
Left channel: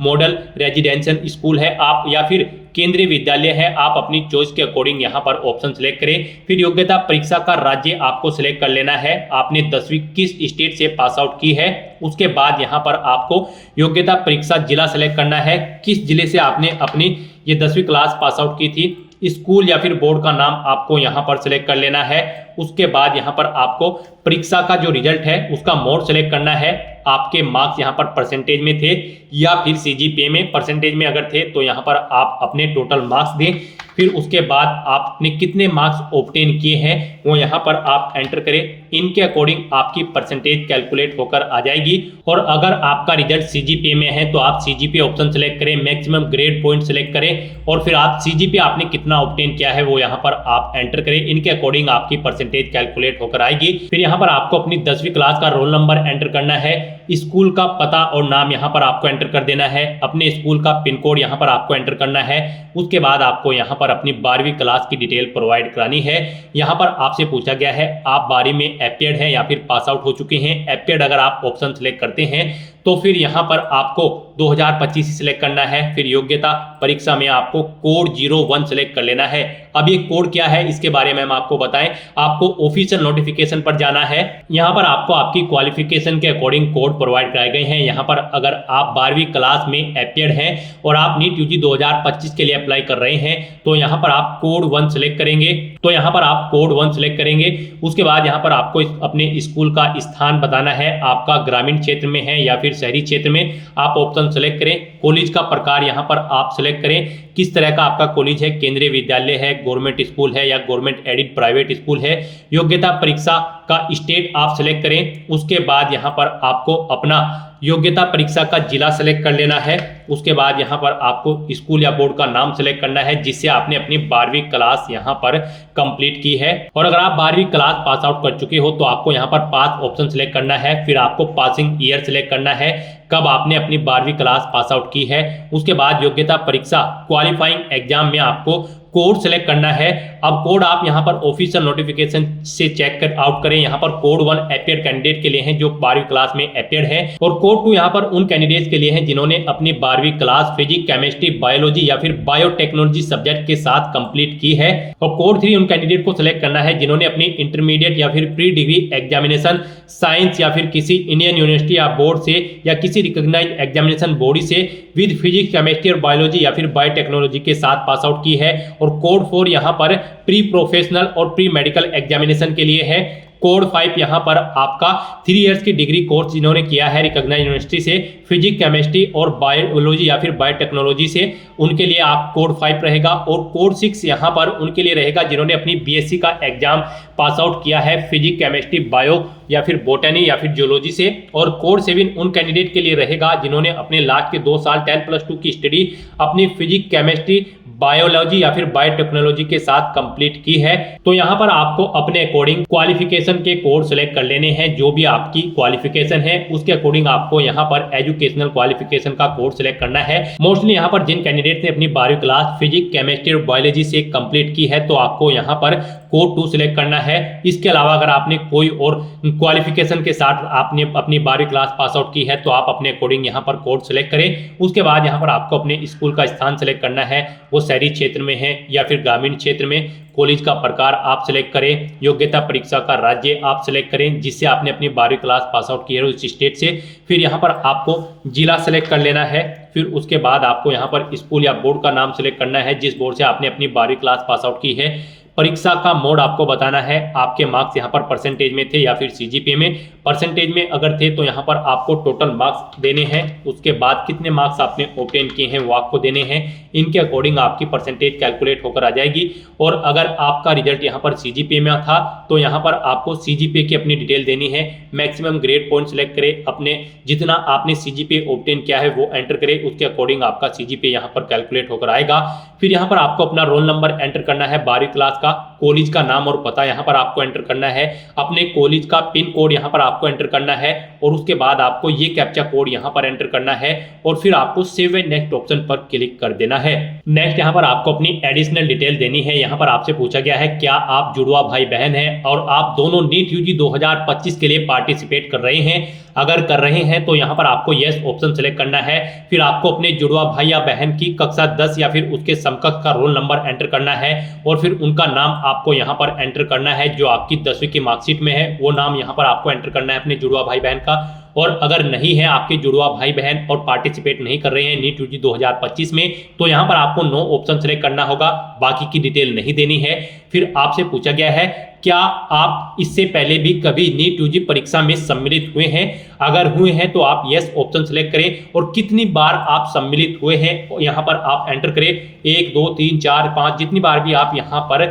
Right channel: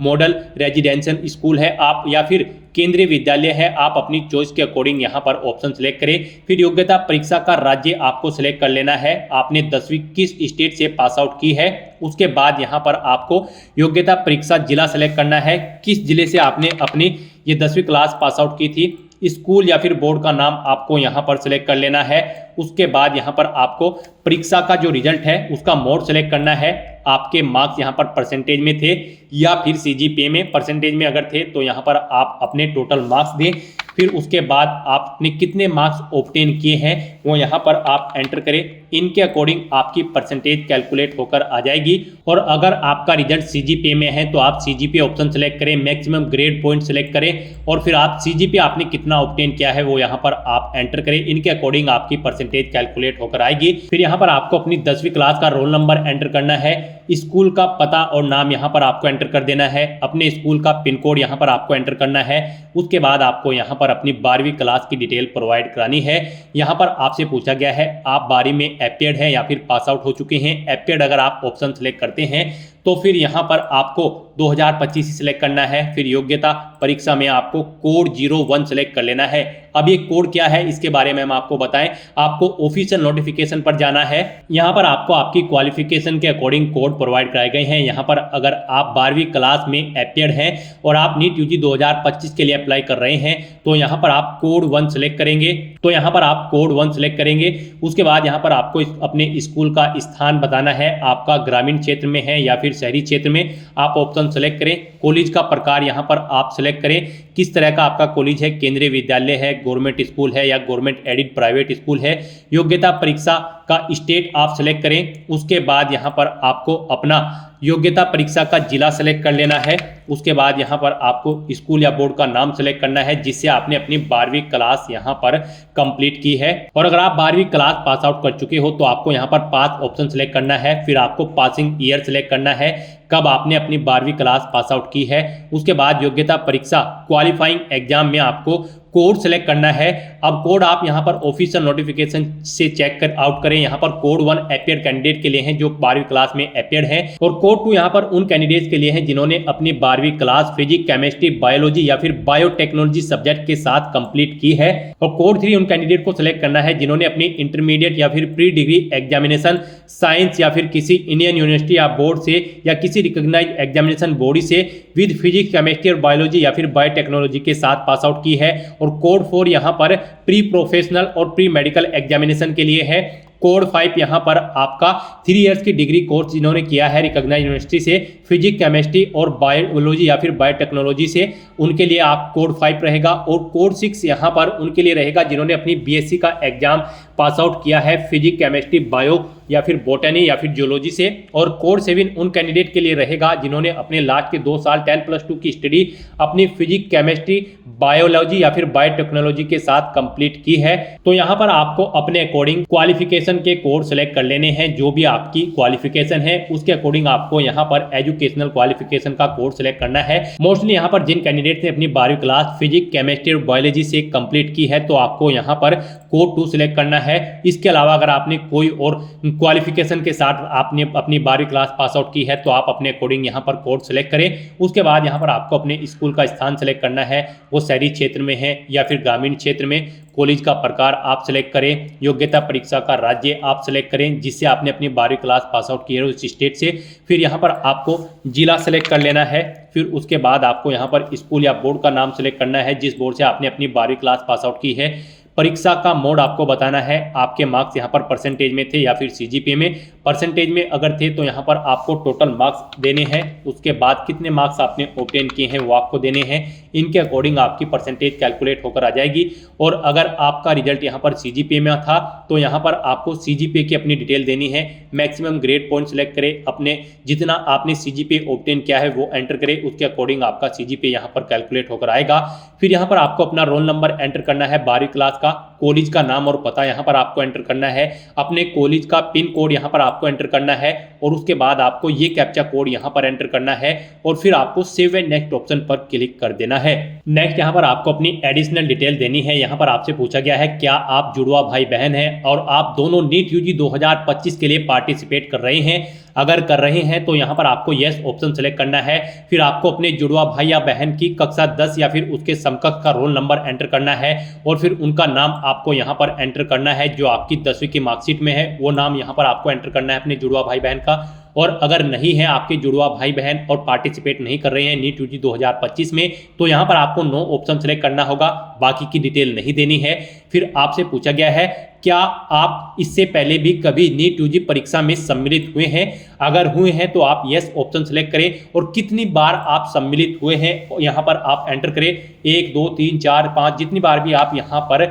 मॉडल रेजिडेंशियल स्कूल है आप या फिर केंद्रीय विद्यालय है, आप अपनी चॉइस के अकॉर्डिंग यहाँ पर ऑप्शन सेलेक्ट करें। फिर योग्यता परीक्षा का राज्य आपको सेलेक्ट कर लेना है, आपने 10वीं किस स्टेट से पास आउट की है। उसके बाद यहाँ पर आपको योग्यता परीक्षा जिला सेलेक्ट करना है, किस जिले से आपने अपनी ये 10वीं क्लास पास आउट की थी। स्कूल या फिर बोर्ड का नाम आपको यहाँ पर सेलेक्ट कर लेना है। उसके बाद यहाँ पर आपको परीक्षा का जो रिजल्ट है उसका मोड सेलेक्ट करना है, आपके मार्क्स यहाँ पर परसेंटेज में थे या फिर सीजीपीए में। परसेंटेज में अगर थे तो यहाँ पर आप अपने टोटल मार्क्स दें। फिर उसके बाद आपने कितने मार्क्स ऑब्टेन किए हैं वो यहाँ पर आप एंटर करें, इनके अकॉर्डिंग आपकी परसेंटेज कैलकुलेट होकर आ जाएगी। और अगर आपका रिजल्ट सीजीपीए में है तो आप सीजीपीए ऑप्शन सेलेक्ट करें, मैक्सिमम ग्रेड पॉइंट सेलेक्ट करें और फिर आप सीजीपीए आपने कितना ऑब्टेन किया है वो यहाँ पर आप एंटर करें, इनके अकॉर्डिंग आपकी परसेंटेज कैलकुलेट होकर आएगी। फिर यहाँ पर आपको अपनी 10वीं क्लास का रोल नंबर एंटर करना है, स्कूल का पता और नाम यहाँ पर आपको एंटर कर देना है, अपने स्कूल का पिन कोड यहाँ पर आपको एंटर करना है। उसके बाद आपको यहाँ पर अपनी 12वीं क्लास की डिटेल प्रोवाइड करानी है। यहाँ पर आपसे पूछा गया है आप 12वीं में एपियर्ड हैं या फिर पास आउट हो चुके हैं। एपियर्ड अगर आप ऑप्शन सेलेक्ट करते हैं तो फिर यहाँ पर आपको 2025 सिलेक्ट करना है। फिर योग्यता परीक्षा में आपको कोड 01 सेलेक्ट कर लेना है। अब ये कोड क्या है इसके बारे में हम आपको बताएं, आपको ऑफिशियल नोटिफिकेशन पर जाना है। यहाँ पर आपको आपकी क्वालिफिकेशन के अकॉर्डिंग कोड प्रोवाइड कराए गए हैं। यहाँ पर अगर आप 12वीं क्लास में एपियर्ड हैं और आप नीट यूजी 2025 के लिए अप्लाई कर रहे हैं तो यहाँ पर आप कोड 1 सेलेक्ट करेंगे। तो यहाँ पर आप कोड 1 सेलेक्ट करेंगे। उसके बाद यहाँ पर आपको अपने स्कूल का स्थान बताना है, आपका ग्रामीण क्षेत्र में है या फिर शहरी क्षेत्र में, आप ऑप्शन सेलेक्ट करें। कॉलेज का प्रकार यहाँ पर आप सेलेक्ट करें, किस तरह का आपका कॉलेज है, केंद्रीय विद्यालय है, गवर्नमेंट स्कूल है या गवर्नमेंट एडिड प्राइवेट स्कूल है। योग्यता परीक्षा का स्टेट आप सेलेक्ट करें। उसके बाद यहाँ पर आपको अपना योग्यता परीक्षा का जिला सेलेक्ट कर लेना है। उसके बाद यहाँ पर आपको स्कूल या बोर्ड का नाम सेलेक्ट करना है जिससे आपने अपनी 12वीं क्लास यहाँ पर कंप्लीट की है। और अगर आप 12वीं क्लास पास आउट कर चुके हो तो आपको यहाँ पर पास ऑप्शन सेलेक्ट करना है। फिर आपको पासिंग ईयर सेलेक्ट करना है, कब आपने अपनी 12वीं क्लास पास आउट की है। उसके बाद योग्यता परीक्षा क्वालिफाइंग एग्जाम में आपको कोड सेलेक्ट करना है। अब कोड आप यहाँ पर ऑफिशियल नोटिफिकेशन से चेक कर आउट करें। यहाँ पर कोड 1 एपियर्ड कैंडिडेट के लिए है जो 12वीं क्लास में एपियर्ड है और कोड 2 यहाँ पर उन कैंडिडेट्स के लिए है जिन्होंने अपनी 12वीं क्लास फिजिक्स, केमिस्ट्री, बायोलॉजी या फिर बायोटेक्नोलॉजी सब्जेक्ट के साथ कंप्लीट की है। और कोड 3 उन कैंडिडेट को सिलेक्ट करना है जिन्होंने अपनी इंटरमीडिएट या फिर प्री डिग्री एग्जामिनेशन साइंस या फिर किसी इंडियन यूनिवर्सिटी या बोर्ड से या किसी रिकॉग्नाइज्ड एग्जामिनेशन बॉडी से विद फिजिक्स, केमिस्ट्री और बायोलॉजी या फिर बायोटेक्नोलॉजी के साथ पास आउट की है। और कोड 4 यहाँ पर प्री प्रोफेशनल और प्री मेडिकल एग्जामिनेशन के लिए है। कोड 5 यहाँ पर आपका 3 इयर्स की डिग्री कोर्स जिन्होंने किया है रिकॉग्नाइज्ड यूनिवर्सिटी से फिजिक्स, केमिस्ट्री और बायोलॉजी या फिर बायोटेक्नोलॉजी से, उनके लिए आप कोड 5 रहेगा। और कोड 6 यहाँ पर उनके लिए रहेगा जिन्होंने अपनी बीएससी का एग्जाम पास आउट किया है फिजिक्स, केमिस्ट्री, बायो या फिर बोटनी या फिर जियोलॉजी से। और कोड 7 उन कैंडिडेट के लिए रहेगा जिन्होंने अपने लास्ट के 2 साल 10+2 की स्टडी अपनी फिजिक्स, केमिस्ट्री, बायोलॉजी या फिर बायोटेक्नोलॉजी के साथ कंप्लीट की है। तो यहाँ पर आपको अपने अकॉर्डिंग क्वालिफिकेशन के कोड सेलेक्ट कर लेने हैं। जो भी आपकी क्वालिफिकेशन है उसके अकॉर्डिंग आपको यहाँ पर एजुकेशनल क्वालिफिकेशन का कोड सेलेक्ट करना है। मोस्टली यहाँ पर जिन कैंडिडेट ने अपनी 12वीं क्लास फिजिक्स, केमिस्ट्री और बायोलॉजी से कंप्लीट की है तो आपको यहाँ पर कोड 2 सेलेक्ट करना है। इसके अलावा अगर आपने कोई और क्वालिफिकेशन के साथ आपने अपनी 12वीं क्लास पास आउट की है तो आप अपने अकॉर्डिंग यहाँ पर कोड सेलेक्ट करें। उसके बाद यहाँ पर आपको अपने स्कूल का स्थान सेलेक्ट करना है, वो शहरी क्षेत्र में है या फिर ग्रामीण क्षेत्र में। कॉलेज का प्रकार आप सेलेक्ट करें, योग्यता परीक्षा का राज्य आप सेलेक्ट करें जिससे आपने अपनी 12वीं क्लास पास आउट की है उस स्टेट से। फिर यहाँ पर आपको जिला सेलेक्ट कर लेना है। फिर उसके बाद आपको यहाँ पर स्कूल या बोर्ड का नाम सेलेक्ट करना है जिस बोर्ड से आपने अपनी 12वीं क्लास पास आउट की है। परीक्षा का मोड आपको बताना है, आपके मार्क्स यहाँ पर परसेंटेज में थे या फिर सीजीपीए में। परसेंटेज में अगर थे तो यहाँ पर आपको टोटल मार्क्स देने हैं, उसके बाद कितने मार्क्स आपने ऑब्टेन किए हैं वो आपको देने हैं। इनके अकॉर्डिंग आपकी परसेंटेज कैलकुलेट होकर आ जाएगी। और अगर आपका रिजल्ट यहाँ पर सीजीपीए में था तो यहाँ पर आपको सीजीपीए की अपनी डिटेल देनी है। मैक्सिमम ग्रेड पॉइंट सेलेक्ट करें, अपने जितना आपने सीजीपीए ऑब्टेन किया है वो एंटर करें, उसके अकॉर्डिंग आपका सीजीपीए यहाँ पर कैलकुलेट होकर आएगा। फिर यहाँ पर आपको अपना रोल नंबर एंटर करना है 12वीं क्लास का, कॉलेज का नाम और पता यहाँ पर आपको एंटर करना है, अपने कॉलेज का पिन कोड यहाँ पर आपको एंटर करना है और उसके बाद आपको ये कैप्चा कोड यहाँ पर एंटर करना है और फिर आपको सेव एंड नेक्स्ट ऑप्शन पर क्लिक कर देना है। नेक्स्ट यहाँ पर आपको अपनी एडिशनल डिटेल देनी है। यहाँ पर आपसे पूछा गया है क्या आप जुड़वा भाई बहन हैं और आप दोनों नीट यूजी 2025 के लिए पार्टिसिपेट कर रहे हैं। अगर कर रहे हैं तो यहाँ पर आपको यस ऑप्शन सेलेक्ट करना है। फिर आपको अपने जुड़वा भाई या बहन की कक्षा 10 या फिर उसके समकक्ष का रोल नंबर एंटर करना है और फिर उनका नाम आपको यहाँ पर एंटर करना है। जो आपकी 10वीं की मार्कशीट में है वो नाम यहाँ पर आपको एंटर करना है अपने जुड़वा भाई बहन का। और अगर नहीं है आपके जुड़वा भाई बहन और पार्टिसिपेट नहीं कर रहे हैं नीट यूजी 2025 में, तो यहाँ पर आपको नो ऑप्शन सेलेक्ट करना होगा, बाकी की डिटेल नहीं देनी है। फिर आपसे पूछा गया है क्या आप इससे पहले भी कभी नीट यूजी परीक्षा में सम्मिलित हुए हैं। अगर हुए हैं तो आप यस ऑप्शन सेलेक्ट करें और कितनी बार आप सम्मिलित हुए हैं यहाँ पर आप एंटर करें, 1 2 3 4 5 जितनी बार भी आप यहाँ पर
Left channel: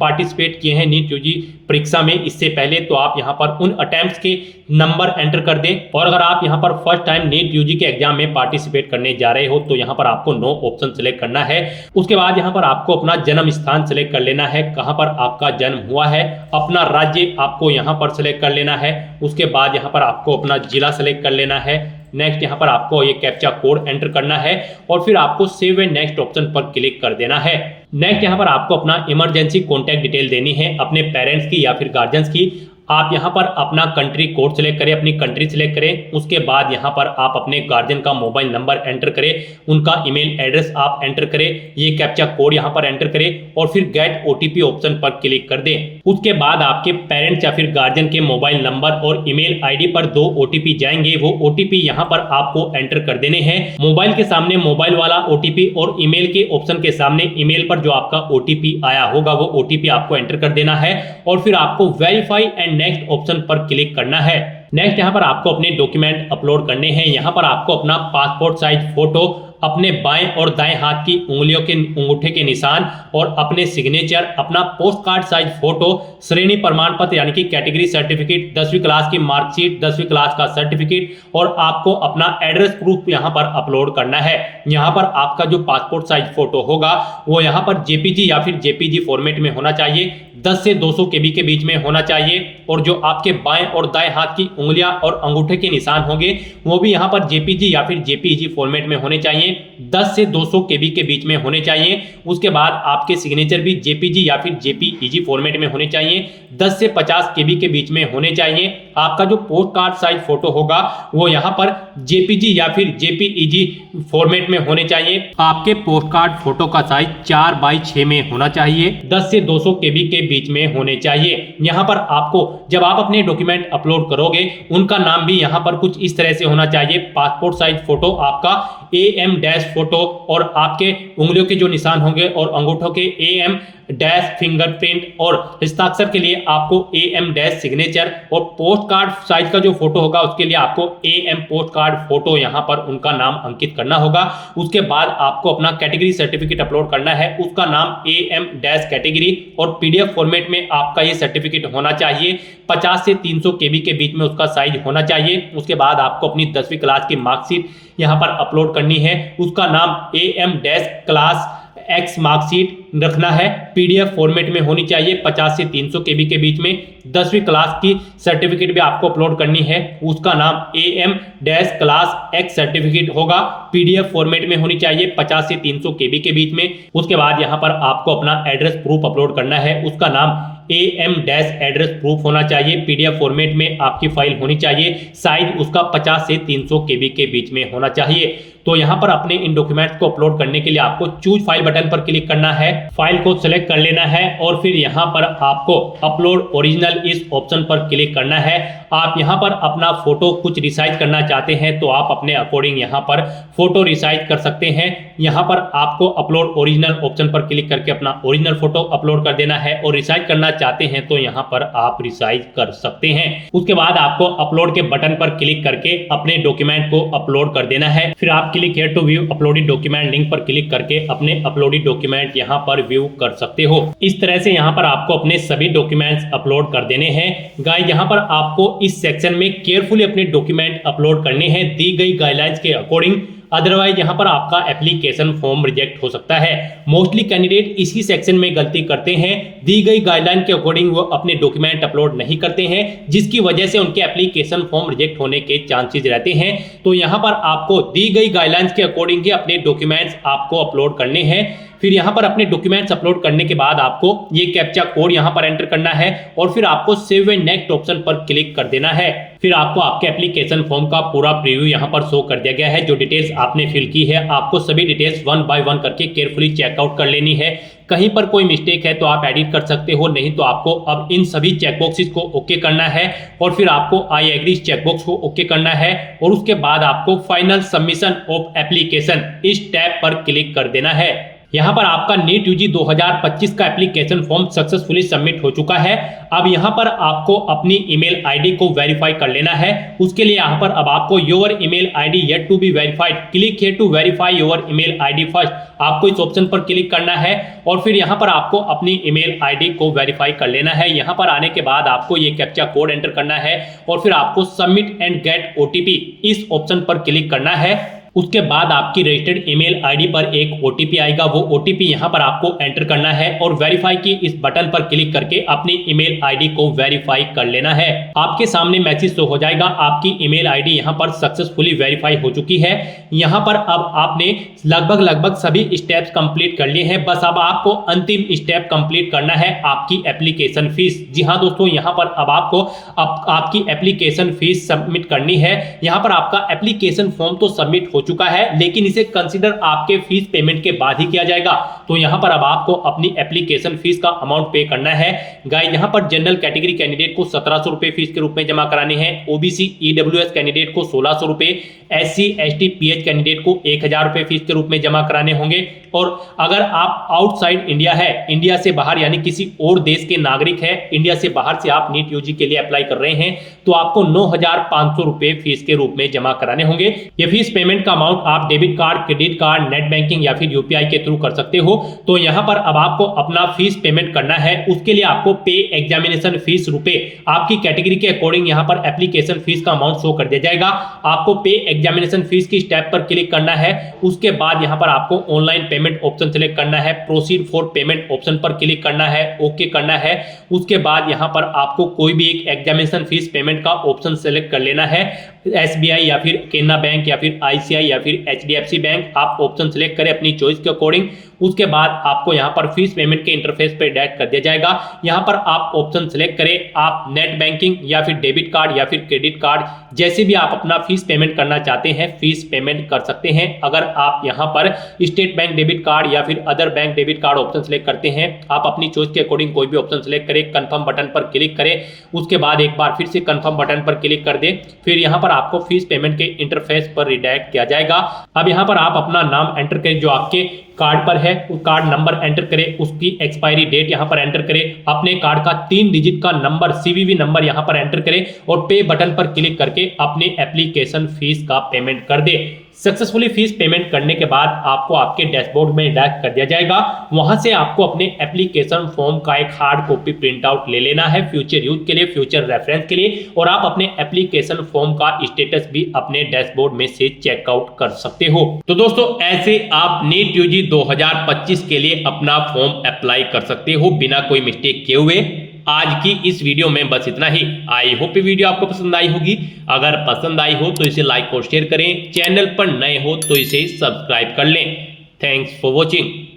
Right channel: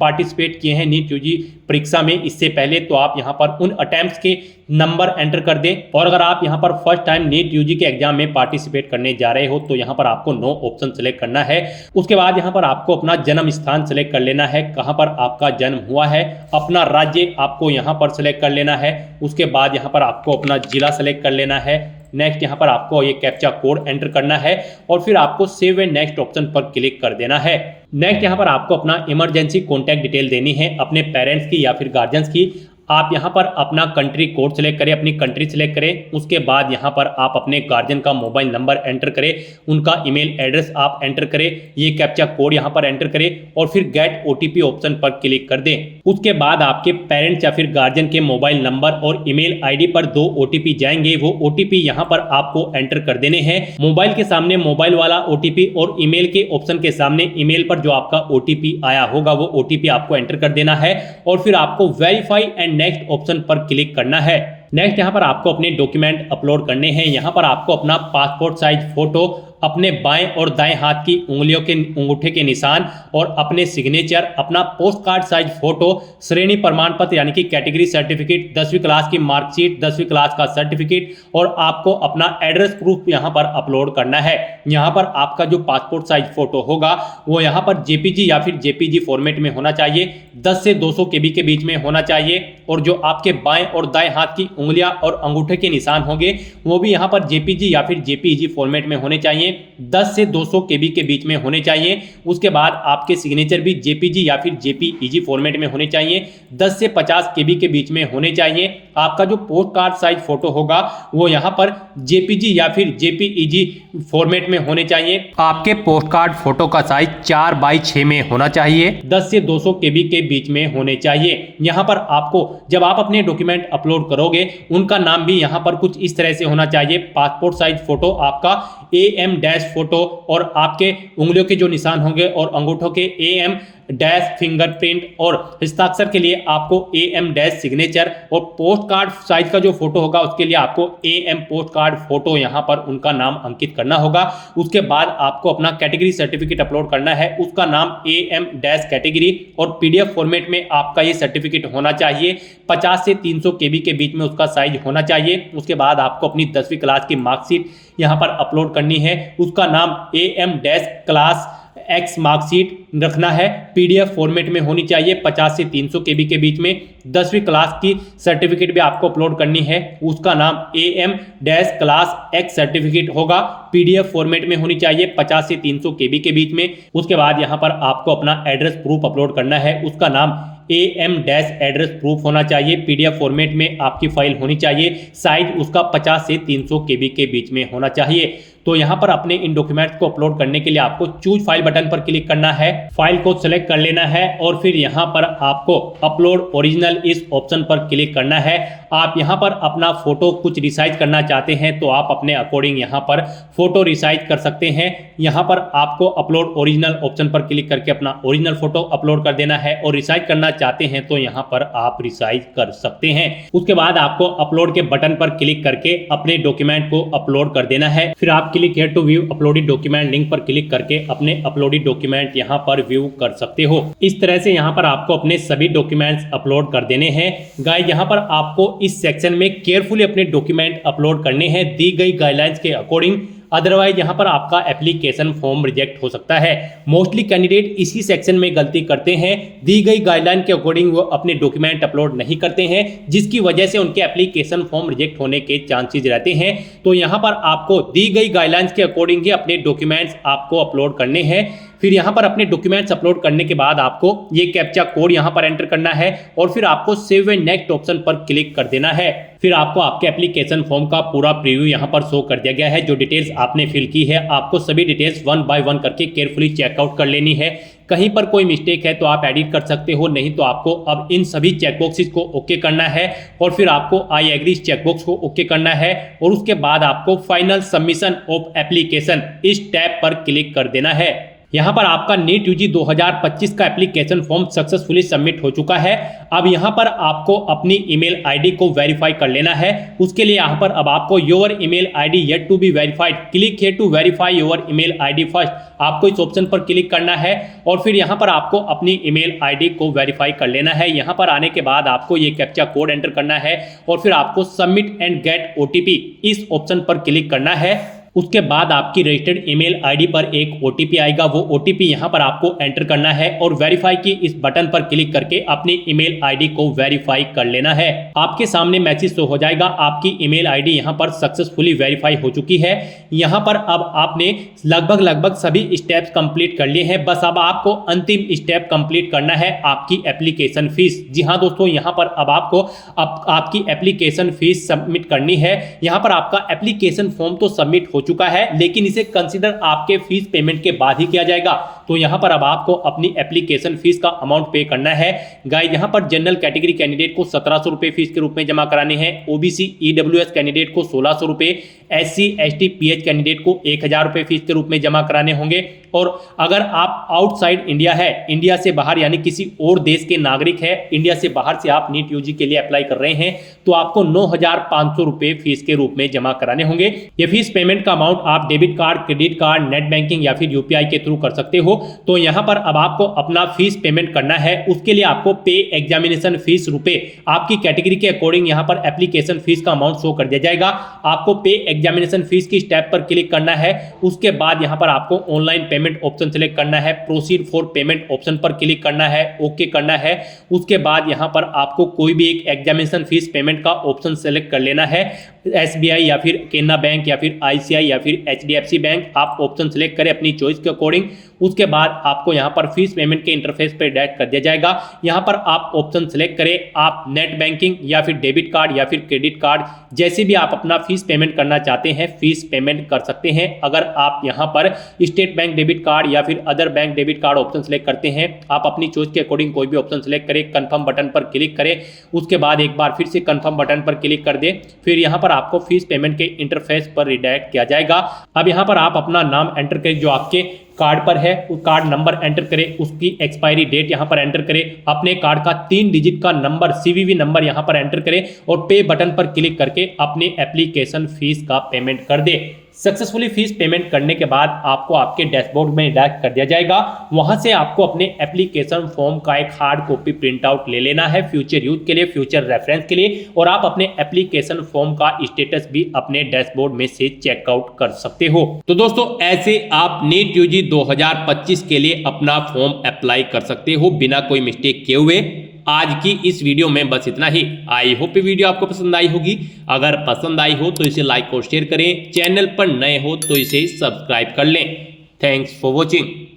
पार्टिसिपेट किए हैं नीट यूजी परीक्षा में इससे पहले, तो आप यहाँ पर उन अटेम्प्ट्स के नंबर एंटर कर दें। और अगर आप यहाँ पर फर्स्ट टाइम नीट यूजी के एग्जाम में पार्टिसिपेट करने जा रहे हो तो यहाँ पर आपको नो ऑप्शन सेलेक्ट करना है। उसके बाद यहाँ पर आपको अपना जन्म स्थान सेलेक्ट कर लेना है, कहाँ पर आपका जन्म हुआ है। अपना राज्य आपको यहाँ पर सेलेक्ट कर लेना है। उसके बाद यहाँ पर आपको अपना जिला सेलेक्ट कर लेना है। नेक्स्ट यहाँ पर आपको ये कैप्चा कोड एंटर करना है और फिर आपको सेव एंड नेक्स्ट ऑप्शन पर क्लिक कर देना है। नेक्स्ट यहाँ पर आपको अपना इमरजेंसी कॉन्टैक्ट डिटेल देनी है अपने पेरेंट्स की या फिर गार्जियंस की। आप यहाँ पर अपना कंट्री कोड सेलेक्ट करें, अपनी कंट्री सेलेक्ट करें। उसके बाद यहाँ पर आप अपने गार्जियन का मोबाइल नंबर एंटर करें, उनका ईमेल एड्रेस आप एंटर करें, ये कैप्चा कोड यहाँ पर एंटर करें और फिर गेट ओटीपी ऑप्शन पर क्लिक कर दें। उसके बाद आपके पेरेंट्स या फिर गार्जियन के मोबाइल नंबर और ईमेल आईडी पर 2 ओटीपी जाएंगे। वो ओटीपी यहाँ पर आपको एंटर कर देने हैं। मोबाइल के सामने मोबाइल वाला ओटीपी और ईमेल के ऑप्शन के सामने ईमेल पर जो आपका ओटीपी आया होगा वो ओटीपी आपको एंटर कर देना है और फिर आपको वेरीफाई एंड नेक्स्ट ऑप्शन पर क्लिक करना है। नेक्स्ट यहाँ पर आपको अपने डॉक्यूमेंट अपलोड करने हैं। यहाँ पर आपको अपना पासपोर्ट साइज फोटो, अपने बाएं और दाएं हाथ की उंगलियों के अंगूठे के निशान और अपने सिग्नेचर, अपना पोस्ट कार्ड साइज फोटो, श्रेणी प्रमाण पत्र यानी कि कैटेगरी सर्टिफिकेट, 10वीं क्लास की मार्कशीट, 10वीं क्लास का सर्टिफिकेट और आपको अपना एड्रेस प्रूफ यहाँ पर अपलोड करना है। यहाँ पर आपका जो पासपोर्ट साइज फोटो होगा वो यहाँ पर जेपीजी या फिर जेपीजी फॉर्मेट में होना चाहिए, 10 से 200 केबी के बीच में होना चाहिए। और जो आपके बाएं और दाएं हाथ की उंगलियां और अंगूठे के निशान होंगे वो भी यहाँ पर जेपीजी या फिर जेपीईजी फॉर्मेट में होने चाहिए, 10 से 200 केबी के बीच में होने चाहिए। उसके बाद आपके सिग्नेचर भी जेपीजी या फिर जेपीईजी फॉर्मेट में होने चाहिए, 10 से 50 केबी के बीच में होने चाहिए। आपका जो पोस्ट कार्ड साइज फोटो होगा वो यहाँ पर जेपीजी या फिर जेपीईजी फॉर्मेट में होने चाहिए। आपके पोस्ट कार्ड फोटो का साइज 4x6 में होना चाहिए, 10 से 200 केबी के बीच में होने चाहिए। यहाँ पर आपको जब आप अपने डॉक्यूमेंट अपलोड करोगे उनका नाम भी यहाँ पर कुछ इस तरह से होना चाहिए। पासपोर्ट साइज फोटो आपका AM डैश फोटो और आपके उंगलियों के जो निशान होंगे और अंगूठों के AM डैश फिंगरप्रिंट और हस्ताक्षर के लिए आपको AM डैश सिग्नेचर और पोस्ट कार्ड साइज का जो फोटो होगा उसके लिए आपको AM पोस्ट कार्ड फोटो यहाँ पर उनका नाम अंकित करना होगा। उसके बाद आपको अपना कैटेगरी सर्टिफिकेट अपलोड करना है, उसका नाम AM डैश कैटेगरी और PDF फॉर्मेट में आपका ये सर्टिफिकेट होना चाहिए, 50 से 300 केबी के बीच में उसका साइज होना चाहिए। उसके बाद आपको अपनी 10वीं क्लास की मार्कशीट यहाँ पर अपलोड करनी है, उसका नाम AM dash class X marksheet रखना है, PDF फॉर्मेट में होनी चाहिए, 50 से 300 केबी के बीच में। 10वीं क्लास की सर्टिफिकेट भी आपको अपलोड करनी है, उसका नाम AM dash class X certificate होगा, PDF फॉर्मेट में होनी चाहिए, 50 से 300 केबी के बीच में। उसके बाद यहाँ पर आपको अपना एड्रेस प्रूफ अपलोड करना है, उसका नाम AM डैश एड्रेस प्रूफ होना चाहिए, PDF फॉर्मेट में आपकी फाइल होनी चाहिए, साइज उसका 50 से 300 केबी के बीच में होना चाहिए। तो यहाँ पर अपने इन डॉक्यूमेंट्स को अपलोड करने के लिए आपको चूज फाइल बटन पर क्लिक करना है, फाइल को सिलेक्ट कर लेना है और फिर यहाँ पर आपको अपलोड ओरिजिनल इस ऑप्शन पर क्लिक करना है। आप यहाँ पर अपना फोटो कुछ रिसाइज करना चाहते हैं तो आप अपने अकॉर्डिंग यहाँ पर फोटो रिसाइज कर सकते हैं। यहाँ पर आपको अपलोड ओरिजिनल ऑप्शन पर क्लिक करके अपना ओरिजिनल फोटो अपलोड कर देना है और रिसाइज करना चाहते हैं तो यहाँ पर आप रिसाइज कर सकते हैं। उसके बाद आपको अपलोड के बटन पर क्लिक करके अपने डॉक्यूमेंट को अपलोड कर देना है। फिर आप click here to view uploaded document link पर क्लिक करके अपने अपलोडेड डॉक्यूमेंट यहाँ पर व्यू कर सकते हो। इस तरह से यहाँ पर आपको अपने सभी डॉक्यूमेंट्स अपलोड कर देने हैं। गाइस यहाँ पर आपको इस सेक्शन में केयरफुली अपने डॉक्यूमेंट अपलोड करने हैं, दी गई गाइडलाइंस के अकॉर्डिंग। अदरवाइज यहाँ पर आपका एप्लीकेशन फॉर्म रिजेक्ट हो सकता है। मोस्टली कैंडिडेट इसी सेक्शन में गलती करते हैं, दी गई गाइडलाइन के अकॉर्डिंग वो अपने डॉक्यूमेंट अपलोड नहीं करते हैं, जिसकी वजह से उनके एप्लीकेशन फॉर्म रिजेक्ट होने के चांसेस रहते हैं। तो यहाँ पर आपको दी गई गाइडलाइंस के अकॉर्डिंग ही अपने डॉक्यूमेंट्स आपको अपलोड करने हैं। फिर यहाँ पर अपने डॉक्यूमेंट्स अपलोड करने के बाद आपको ये कैप्चा कोड यहाँ पर एंटर करना है और फिर आपको सेव एंड नेक्स्ट ऑप्शन पर क्लिक कर देना है। फिर आपको आपके एप्लीकेशन फॉर्म का पूरा प्रीव्यू यहाँ पर शो कर दिया गया है। जो डिटेल्स आपने फिल की है आपको सभी डिटेल्स वन बाय वन करके केयरफुली चेकआउट कर लेनी है। कहीं पर कोई मिस्टेक है तो आप एडिट कर सकते हो, नहीं तो आपको अब इन सभी चेकबॉक्सेस को ओके करना है और फिर आपको आई एग्री चेकबॉक्स को ओके करना है और उसके बाद आपको फाइनल सबमिशन ऑफ एप्लीकेशन इस टैब पर क्लिक कर देना है। यहाँ पर आपका नीट यूजी 2025 का एप्लीकेशन फॉर्म सक्सेसफुली सबमिट हो चुका है। अब यहाँ पर आपको अपनी ईमेल आईडी को वेरीफाई कर लेना है। उसके लिए यहाँ पर अब आपको your email ID yet to be verified, click here to verify your email ID first, आपको इस ऑप्शन पर क्लिक करना है और फिर यहाँ पर आपको अपनी ईमेल आईडी को वेरीफाई कर लेना है। यहाँ पर आने के बाद आपको ये कैप्चा कोड एंटर करना है और फिर आपको सबमिट एंड गेट ओटीपी इस ऑप्शन पर क्लिक करना है। उसके बाद आपकी रजिस्टर्ड ईमेल आईडी पर एक ओटीपी आएगा, वो ओटीपी यहां पर आपको एंटर करना है और वेरीफाई की इस बटन पर क्लिक करके अपनी ईमेल आईडी को वेरीफाई कर लेना है। आपके सामने मैसेज शो हो जाएगा, आपकी ईमेल आईडी यहां पर सक्सेसफुली वेरीफाई हो चुकी है। यहां पर अब आपने लगभग सभी स्टेप्स कंप्लीट कर लिए हैं, बस अब आपको अंतिम स्टेप कंप्लीट करना है, आपकी एप्लीकेशन फीस। जी हाँ दोस्तों, यहाँ पर अब आपको आपकी एप्लीकेशन फीस सबमिट करनी है। यहाँ पर आपका एप्लीकेशन फॉर्म तो सबमिट हो चुका है, लेकिन इसे कंसीडर आपके फीस पेमेंट के बाद ही किया जाएगा। तो यहां पर अब आपको अपनी एप्लीकेशन फीस का अमाउंट पे करना है। गाइस, यहां पर जनरल कैटेगरी कैंडिडेट को 1700 रुपए फीस के रूप में जमा कराने हैं, ओबीसी ईडब्ल्यूएस कैंडिडेट को 1600 रुपए, एससी एसटी पीएच कैंडिडेट को 1000 रुपए फीस के रूप में जमा कराने होंगे। और अगर आप आउटसाइड इंडिया है, इंडिया से बाहर यानी किसी और देश के नागरिक है, इंडिया से बाहर से आप नीट यूजी के लिए अप्लाई कर रहे हैं, तो आपको 9500 रुपए फीस के रूप में जमा कराने होंगे। ये फीस पेमेंट का अमाउंट आप debit card, credit card, net banking या फिर यूपीआई के थ्रू कर सकते हो। तो यहां पर अब आपको अपना फीस पेमेंट करना है। उसके लिए आपको पे एग्जामिनेशन फीस रुपए, आपकी कैटेगरी के अकॉर्डिंग यहां पर एप्लीकेशन फीस का अमाउंट शो कर दिया जाएगा। आपको पे एग्जामिनेशन फीस की स्टेप पर क्लिक करना है। उसके बाद यहां पर आपको ऑनलाइन पेमेंट ऑप्शन सेलेक्ट करना है, प्रोसीड फॉर पेमेंट ऑप्शन पर क्लिक करना है, ओके करना है। उसके बाद यहां पर आपको कोई भी एक एग्जामिनेशन फीस पेमेंट का ऑप्शन सेलेक्ट कर लेना है, एसबीआई या फिर केनरा बैंक या फिर आईसीआई या फिर एचडीएफसी बैंक, आप ऑप्शन सेलेक्ट करें अपनी चॉइस के अकॉर्डिंग। उसके बाद आपको यहां पर फीस पेमेंट के इंटरफेस पर डायरेक्ट कर दिया जाएगा। यहां पर आप ऑप्शन सेलेक्ट करें, आप नेट बैंकिंग या फिर डेबिट कार्ड या फिर क्रेडिट कार्ड, जैसे भी आप अपना फीस पेमेंट करना चाहते हैं फीस पेमेंट कर सकते हैं। अगर आप यहां पर स्टेट बैंक डेबिट कार्ड या फिर other bank debit card option select करते हैं, आप अपनी चॉइस के अकॉर्डिंग कोई भी ऑप्शन सेलेक्ट करें, कंफर्म बटन पर क्लिक करें। उसके बाद एक बार फिर से कंफर्म बटन पर क्लिक कर दें, फिर यहां पर आपको फीस पेमेंट के इंटरफेस पर रिडायरेक्ट किया जाएगा। अब यहां पर आप अपना नाम एंटर करें जो आपके कार्ड पर है, उस कार्ड नंबर एंटर करें, उसकी एक्सपायरी डेट यहां पर एंटर करें, अपने कार्ड का 3 डिजिट का नंबर सीवीवी नंबर यहां पर एंटर करें और पे बटन पर क्लिक करके अपने एप्लीकेशन फीस का पेमेंट कर दे। सक्सेसफुली फीस पेमेंट करने के बाद आपको आपके डैशबोर्ड में डायरेक्ट कर दिया जाएगा। वहां से आपको अपने एप्लीकेशन फॉर्म का एक हार्ड कॉपी प्रिंट आउट ले लेना है फ्यूचर यूज के लिए, फ्यूचर रेफरेंस के लिए, और आप अपने एप्लीकेशन फॉर्म का स्टेटस भी अपने डैशबोर्ड में से चेकआउट कर सकते हो। तो दोस्तों, ऐसे आप नीट यूजी 2025 के लिए अपना फॉर्म अप्लाई कर सकते हो बिना कोई मिस्टेक किए हुए। आज की इस वीडियो में बस इतना ही। आई होप ये वीडियो आपको पसंद आई होगी। अगर पसंद आई हो तो इसे लाइक और शेयर करें, चैनल पर नए हो तो इसे सब्सक्राइब कर लें। Thanks for watching.